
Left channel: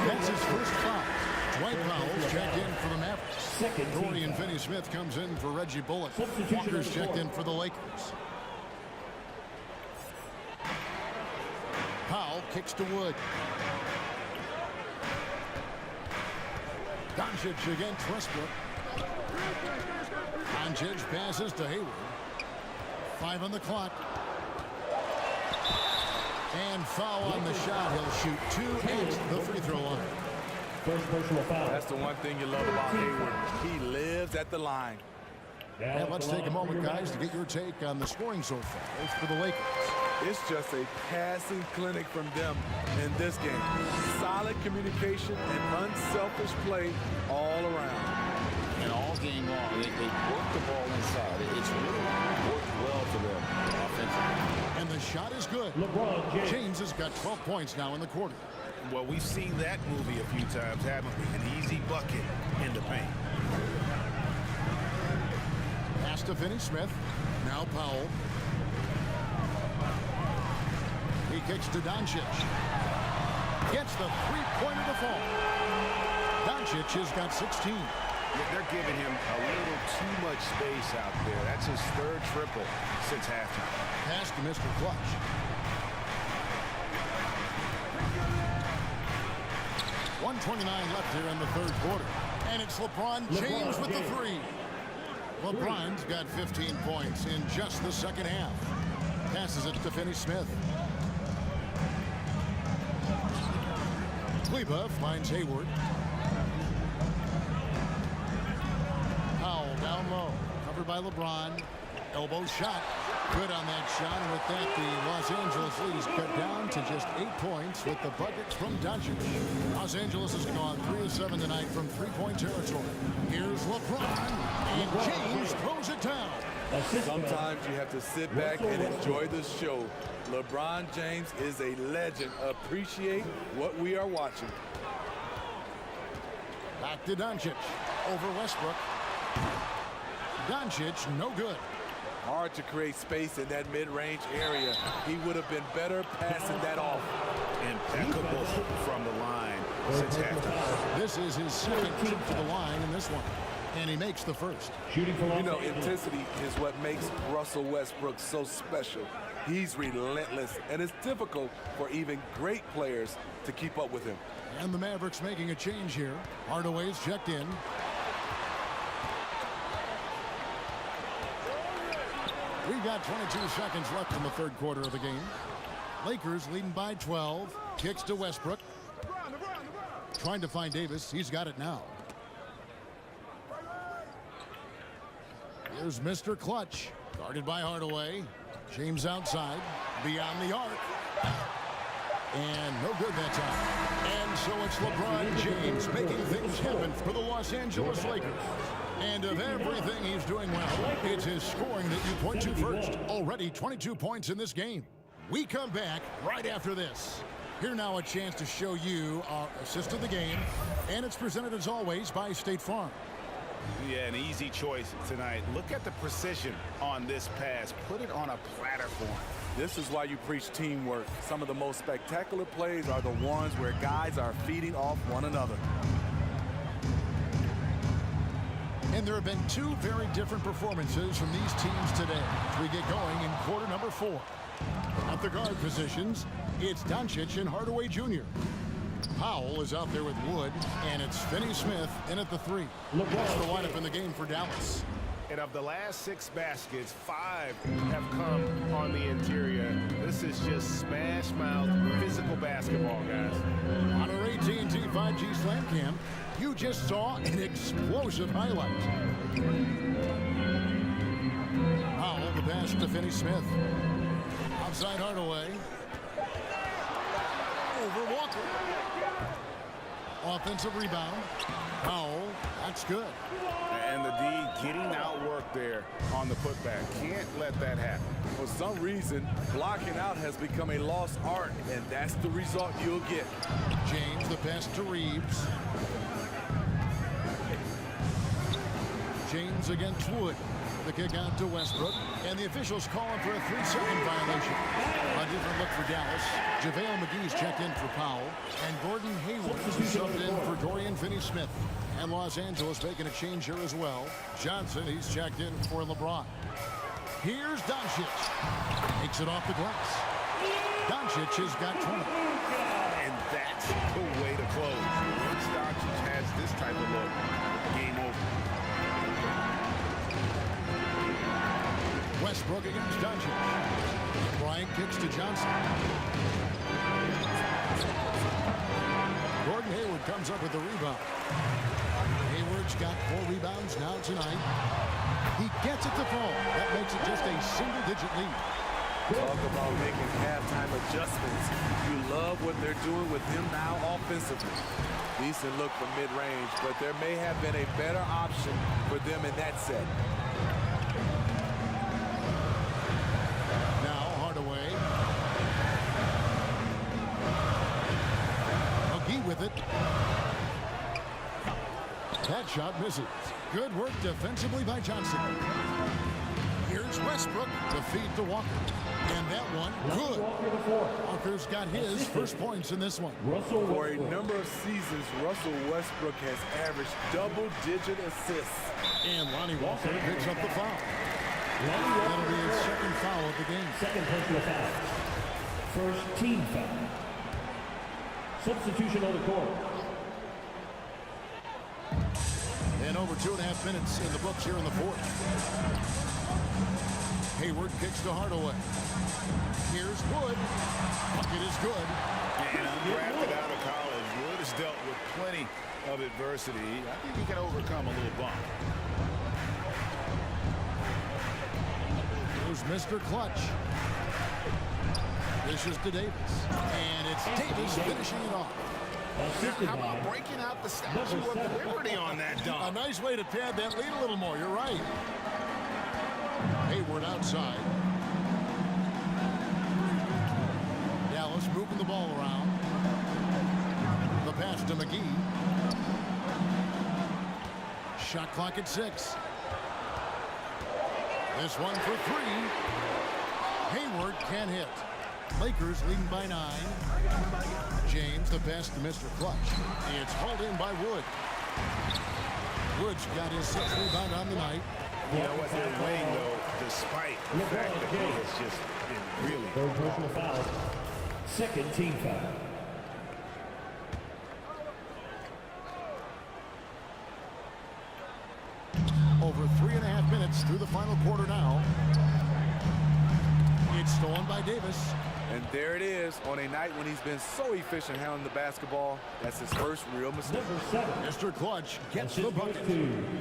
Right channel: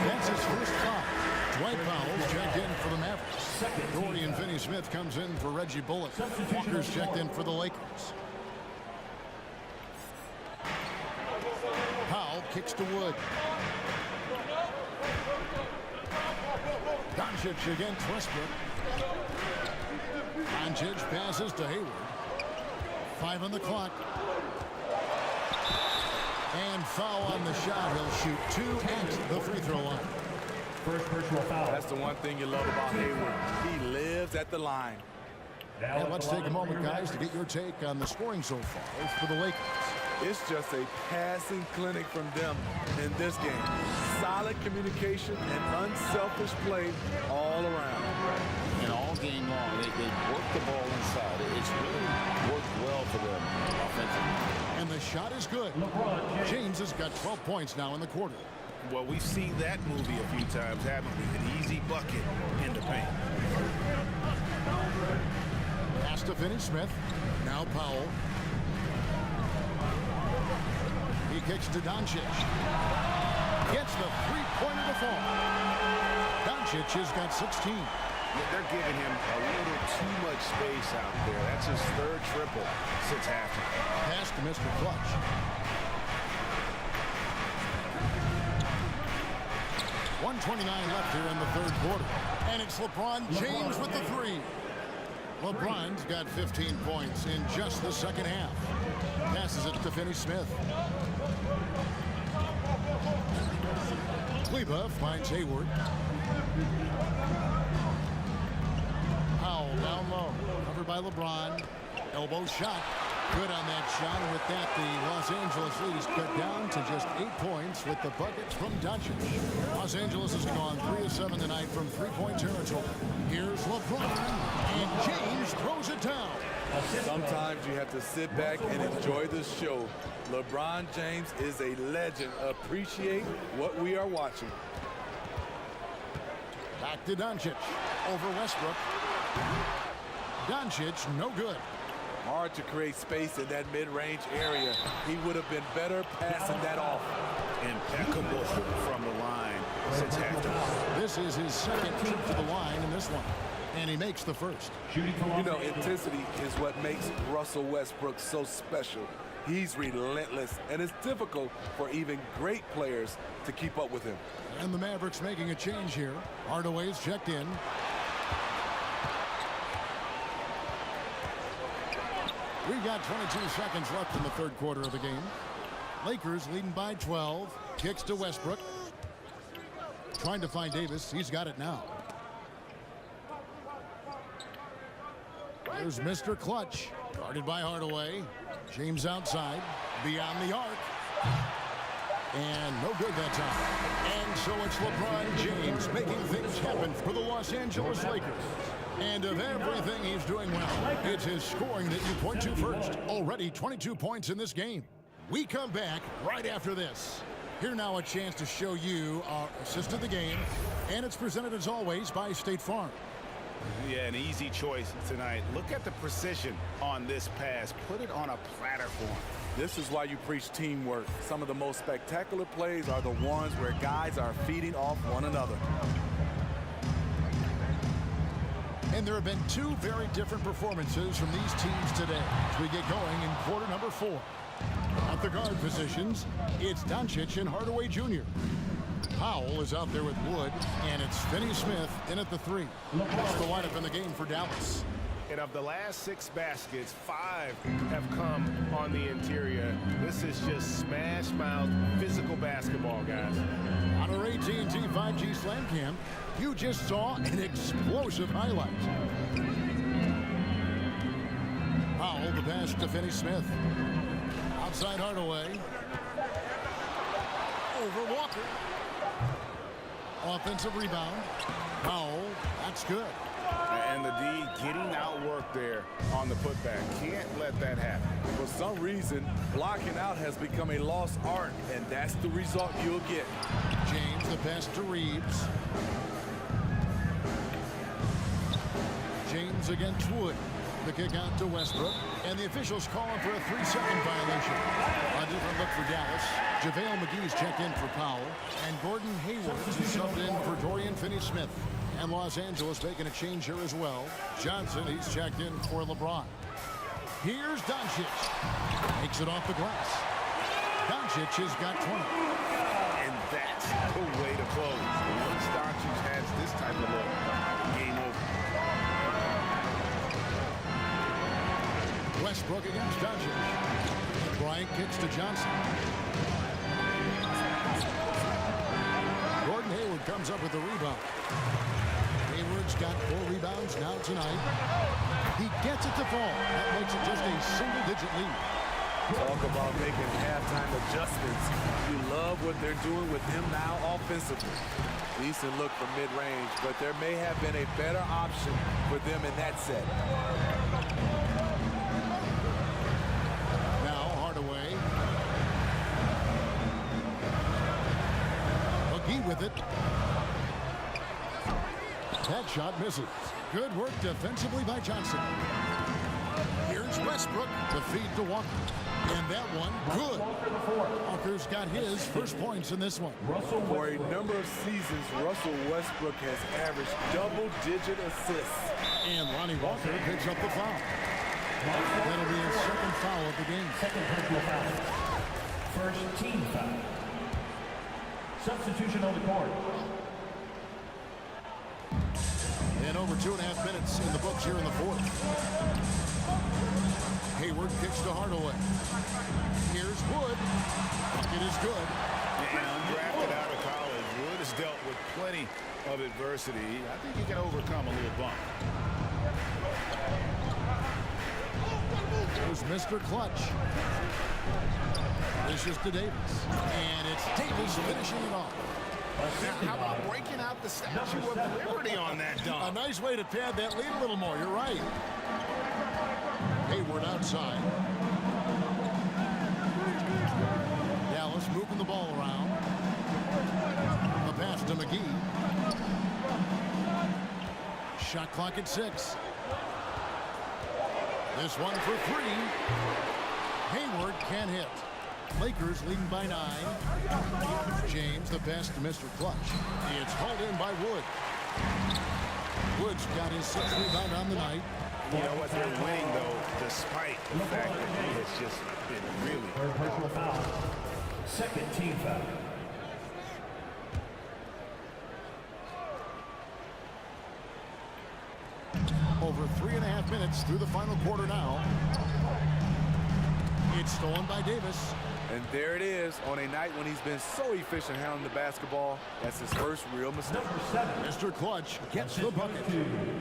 That's his first foul. Dwight Powell's checked in for the Mavericks. Dorian Finney-Smith comes in for Reggie Bullock. Walker's checked in for the Lakers. Powell kicks to Wood. Doncic against Westbrook. Doncic passes to Hayward. 5 on the clock. And foul on the shot. He'll shoot 2 at the free throw line. First personal foul. That's the one thing you love about Hayward. He lives at the line. And let's take a moment, guys, to get your take on the scoring so far for the Lakers. It's just a passing clinic from them in this game. Solid communication and unselfish play all around. And all game long, they work the ball inside. It's really worked well for them offensively. And the shot is good. LeBron James has got 12 points now in the quarter. Well, we've seen that movie a few times, haven't we? An easy bucket in the paint. Pass to Finney-Smith. Now Powell. He kicks to Doncic. Gets the three-pointer to fall. Doncic has got 16. They're giving him a little too much space out there. That's his third triple since halftime. Pass to Mr. Clutch. .129 left here in the third quarter. And it's LeBron James with the three. LeBron's got 15 points in just the second half. Passes it to Finney-Smith. Kleba finds Hayward. Powell down low. Covered by LeBron. Elbow shot. Good on that shot. And with that, the Los Angeles lead is cut down to just 8 points with the buckets from Doncic. Los Angeles has gone 3 of 7 tonight from three-point territory. Here's LeBron. And James throws it down. Sometimes you have to sit back and enjoy the show. LeBron James is a legend. Appreciate what we are watching. Back to Doncic. Over Westbrook. Doncic, no good. Hard to create space in that mid-range area. He would have been better passing that off. Impeccable from the line since halftime. This is his second trip to the line in this one. And he makes the first. You know, intensity is what makes Russell Westbrook so special. He's relentless, and it's difficult for even great players to keep up with him. And the Mavericks making a change here. Hardaway's checked in. We've got 22 seconds left in the third quarter of the game. Lakers leading by 12. Kicks to Westbrook. Trying to find Davis. He's got it now. There's Mr. Clutch. Guarded by Hardaway. James outside. Beyond the arc. And no good that time. And so it's LeBron James making things happen for the Los Angeles Lakers. And of everything he's doing well, it's his scoring that you point to first. Already 22 points in this game. We come back right after this. Here now a chance to show you our assist of the game. And it's presented as always by State Farm. Yeah, an easy choice tonight. Look at the precision on this pass. Put it on a platter for him. This is why you preach teamwork. Some of the most spectacular plays are the ones where guys are feeding off one another. And there have been two very different performances from these teams today as we get going in quarter number 4. At the guard positions, it's Doncic and Hardaway Jr. Powell is out there with Wood, and it's Finney Smith in at the 3. That's the lineup in the game for Dallas. And of the last 6 baskets, 5 have come on the interior. This is just smash mouth physical basketball, guys. On our AT&T 5G Slam Cam, you just saw an explosive highlight. Powell, the pass to Finney Smith. Outside Hardaway. Over Walker. Offensive rebound. Powell, that's good. And the D getting outworked there on the putback. Can't let that happen. For some reason, blocking out has become a lost art, and that's the result you'll get. James, the pass to Reeves. James against Wood. The kick out to Westbrook. And the officials calling for a 3-second violation. A different look for Dallas. JaVale McGee's checked in for Powell. And Gordon Hayward is subbed in for Dorian Finney-Smith. And Los Angeles making a change here as well. Johnson, he's checked in for LeBron. Here's Doncic. Makes it off the glass. Doncic has got 20. And that's the way to close. Once Doncic has this type of look, game over. Westbrook against Doncic. And Bryant kicks to Johnson. Gordon Hayward comes up with the rebound. Hayward's got 4 rebounds now tonight. He gets it to fall. That makes it just a single-digit lead. Talk about making halftime adjustments. You love what they're doing with him now offensively. Decent look from mid-range, but there may have been a better option for them in that set. Now Hardaway. McGee with it. That shot misses. Good work defensively by Johnson. Here's Westbrook to feed to Walker. And that one, good. Walker's got his first points in this one. For a number of seasons, Russell Westbrook has averaged double-digit assists. And Lonnie Walker picks up the foul. That'll be his second foul of the game. Second personal foul. First team foul. Substitution on the court. And over 2.5 minutes in the books here in the 4th. Hayward kicks to Hardaway. Here's Wood. Bucket is good. And undrafted out of college, Wood has dealt with plenty of adversity. I think he can overcome a little bump. There's Mr. Clutch. This is to Davis. And it's Davis finishing it off. Now, how about breaking out the Statue of Liberty on that dunk? A nice way to pad that lead a little more. You're right. Hayward outside. Dallas moving the ball around. The pass to McGee. Shot clock at 6. This one for 3. Hayward can't hit. Lakers leading by 9. James, the pass to Mr. Clutch. It's hauled in by Wood. Wood's got his 6th rebound on the night. You know what? They're winning, though, despite the fact that he has just been really Third personal foul. Second team foul. Over 3.5 minutes through the final quarter now. It's stolen by Davis. And there it is on a night when he's been so efficient handling the basketball. That's his first real mistake. Number 7. Mr. Clutch gets the bucket.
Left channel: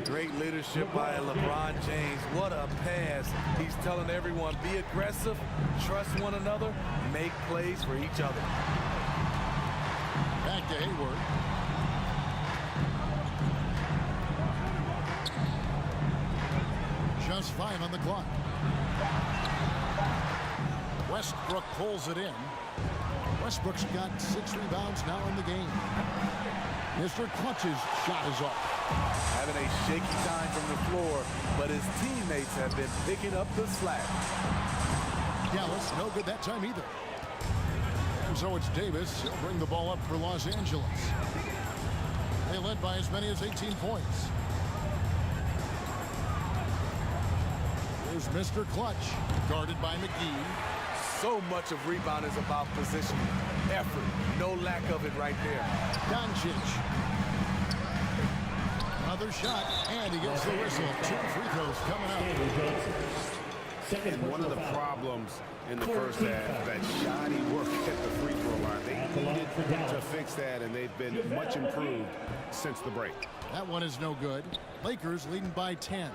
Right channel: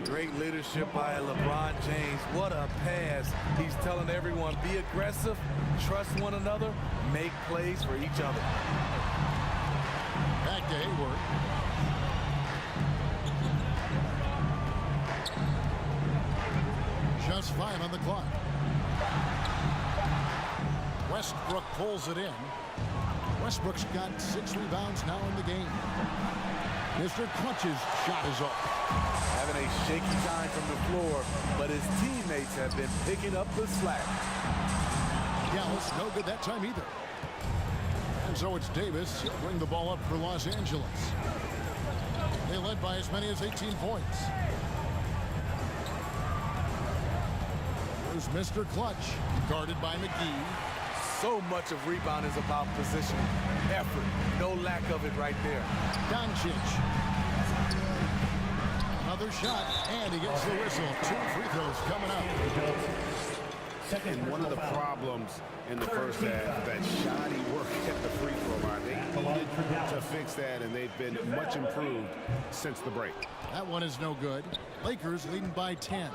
Great leadership by LeBron James. What a pass. He's telling everyone, be aggressive, trust one another, make plays for each other. Back to Hayward. Just 5 on the clock. Westbrook pulls it in. Westbrook's got 6 rebounds now in the game. Mr. Clutch's shot is off. Having a shaky time from the floor, but his teammates have been picking up the slack. Dallas, no good that time either. And so it's Davis. He'll bring the ball up for Los Angeles. They led by as many as 18 points. Here's Mr. Clutch, guarded by McGee. So much of rebound is about positioning, effort. No lack of it right there. Doncic. Another shot, and he gets the whistle. 2 free throws coming up. And one of the problems in the first half, that shoddy work at the free throw line. They needed to fix that, and they've been much improved since the break. That one is no good. Lakers leading by 10.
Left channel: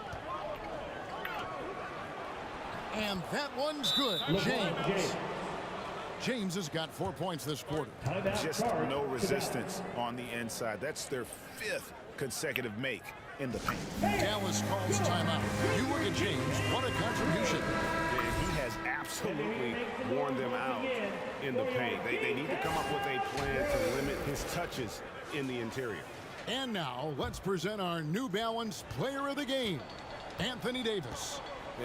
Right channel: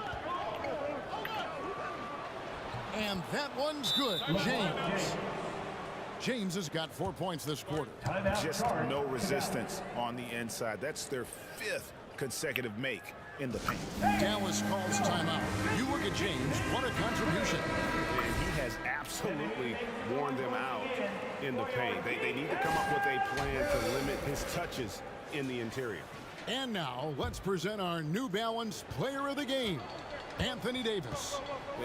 And that one's good. James has got 4 points this quarter. Just no resistance on the inside. That's their 5th consecutive make in the paint. Dallas calls timeout. You look at James, what a contribution. And he has absolutely worn them out in the paint. They need to come up with a plan to limit his touches in the interior. And now, let's present our New Balance Player of the Game, Anthony Davis.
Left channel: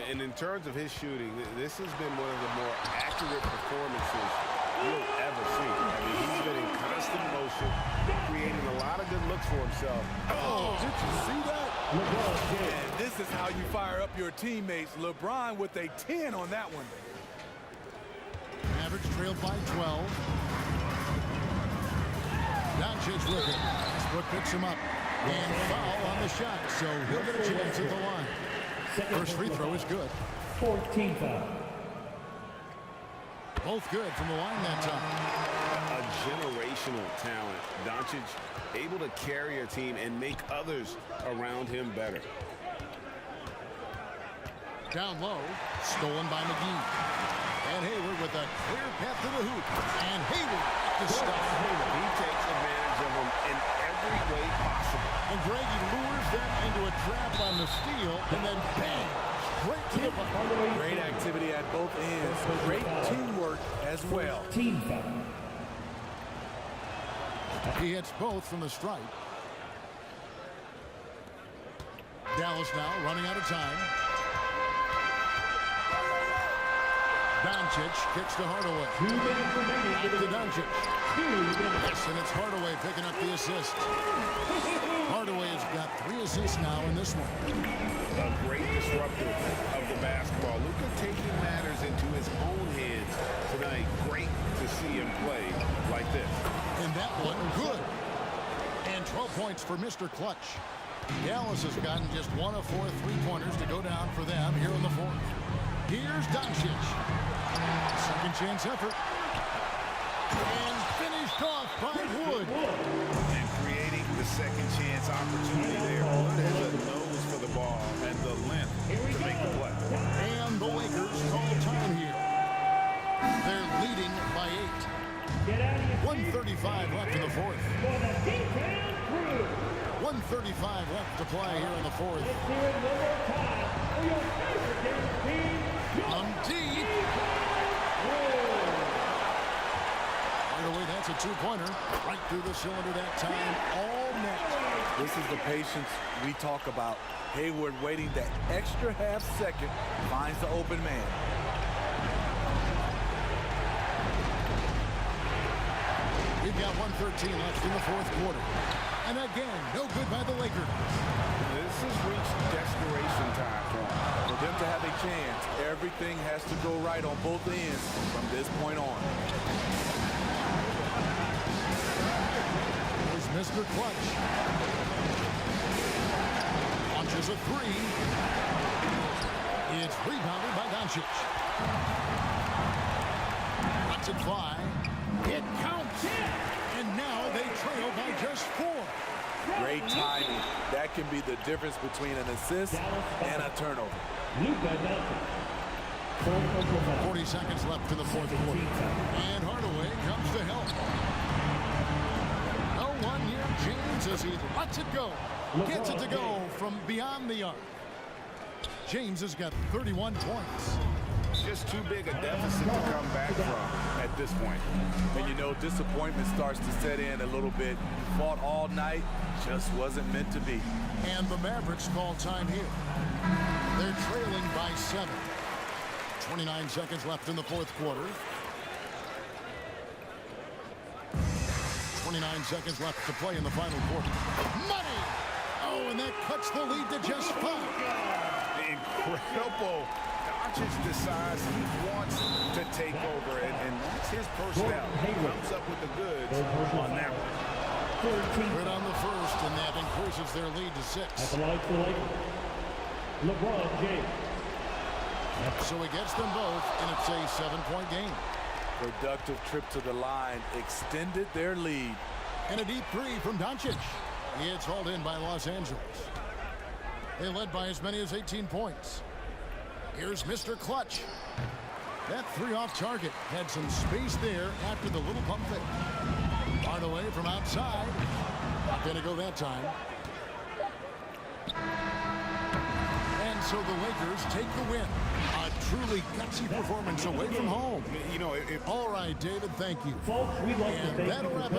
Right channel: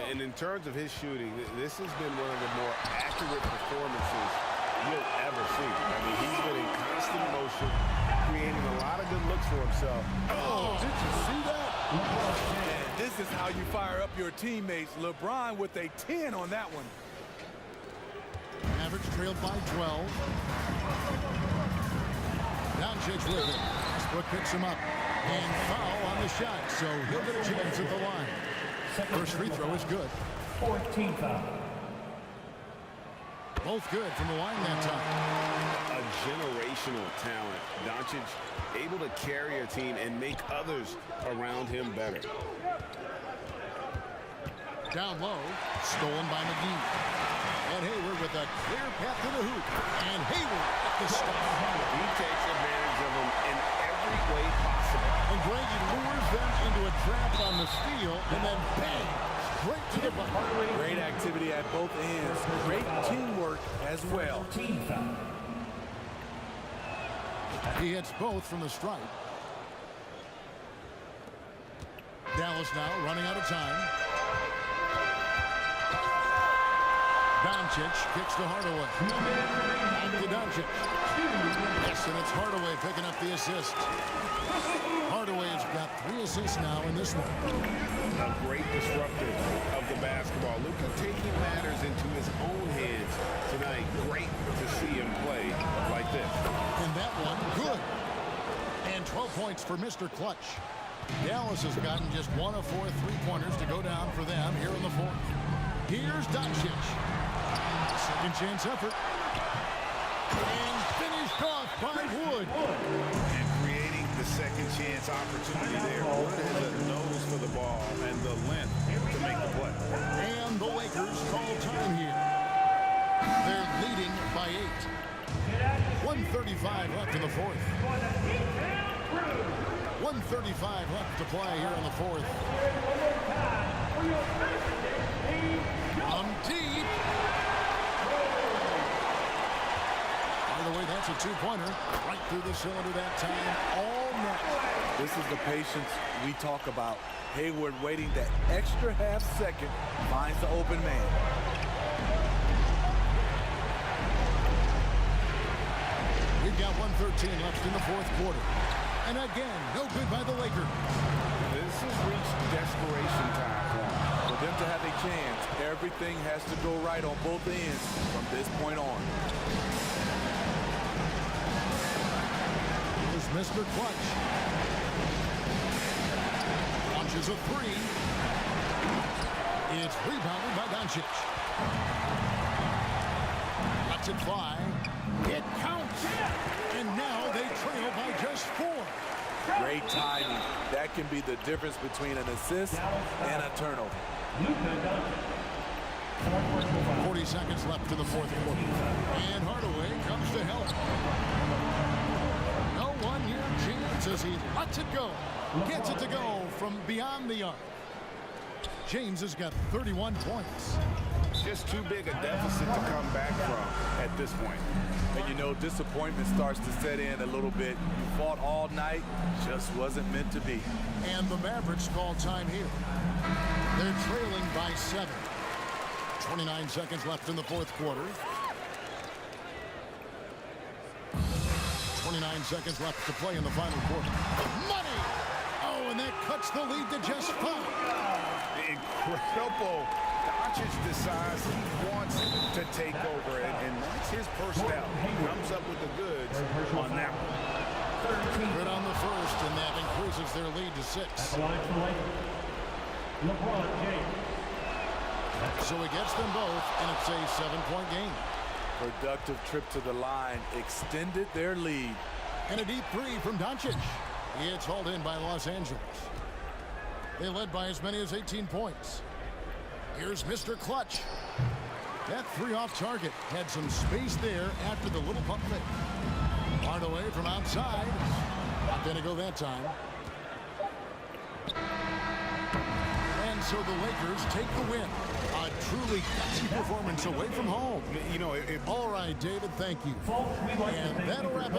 And in terms of his shooting, this has been one of the more accurate performances you'll ever see. I mean, he's been in constant motion, creating a lot of good looks for himself. Oh, did you see that? And this is how you fire up your teammates. LeBron with a 10 on that one. Mavericks trailed by 12. Doncic with it. Westbrook picks him up. And foul on the shot, so he'll get a chance at the line. First free throw is good. 14 foul. Both good from the line that time. A generational talent. Doncic able to carry a team and make others around him better. Down low, stolen by McGee. And Hayward with a clear path to the hoop. And Hayward at the stuff. He takes advantage of them in every way possible. And Greggy lures them into a trap on the steal, and then bang, straight to the bucket. Great activity at both ends. Great teamwork as well. Team foul. He hits both from the stripe. Dallas now running out of time. Doncic kicks to Hardaway. 2 minutes remaining. Back to Doncic. 2 minutes. Yes, and it's Hardaway picking up the assist. Hardaway has got 3 assists now in this one. A great disruptor of the basketball. Luka taking matters into his own hands tonight. Great to see him play like this. And that one, good. And 12 points for Mr. Clutch. Dallas has gotten just 1 of 4 3-pointers to go down for them here in the 4th. Here's Doncic. Second chance effort. And finished off by Wood. And creating the second chance opportunity there. Wood has a nose for the ball and the length to make the play. And the Lakers call time here. They're leading by 8. 1:35 left in the 4th. 1:35 left to play here in the 4th. From deep. Hardaway, that's a 2-pointer. Right through the cylinder that time. All net. This is the patience we talk about. Hayward waiting that extra half second, finds the open man. We've got 1:13 left in the 4th quarter. And again, no good by the Lakers. This has reached desperation time for them. For them to have a chance, everything has to go right on both ends from this point on. Here's Mr. Clutch. Launches a 3. It's rebounded by Doncic. Lets it fly. It counts. And now they trail by just 4. Great timing. That can be the difference between an assist and a turnover. 40 seconds left in the 4th quarter. And Hardaway comes to help. No one near James as he lets it go. Gets it to go from beyond the arc. James has got 31 points. Just too big a deficit to come back from at this point. And you know, disappointment starts to set in a little bit. You fought all night, just wasn't meant to be. And the Mavericks call time here. They're trailing by 7. 29 seconds left in the 4th quarter. 29 seconds left to play in the final quarter. Money! Oh, and that cuts the lead to just 5. Incredible Doncic decides he wants to take over, and that's his personality. He comes up with the goods on that one. Good on the first, and that increases their lead to 6. At the line for the Lakers, LeBron James. So he gets them both, and it's a 7-point game. Productive trip to the line extended their lead. And a deep three from Doncic. It's hauled in by Los Angeles. They led by as many as 18 points. Here's Mr. Clutch. That three off target had some space there after the little pump fake. Hardaway from outside. Not going to go that time. And so the Lakers take the win. A truly gutsy performance away from home. You know, All right, David, thank you. Folks, we'd like to And thank that'll you for wrap it up.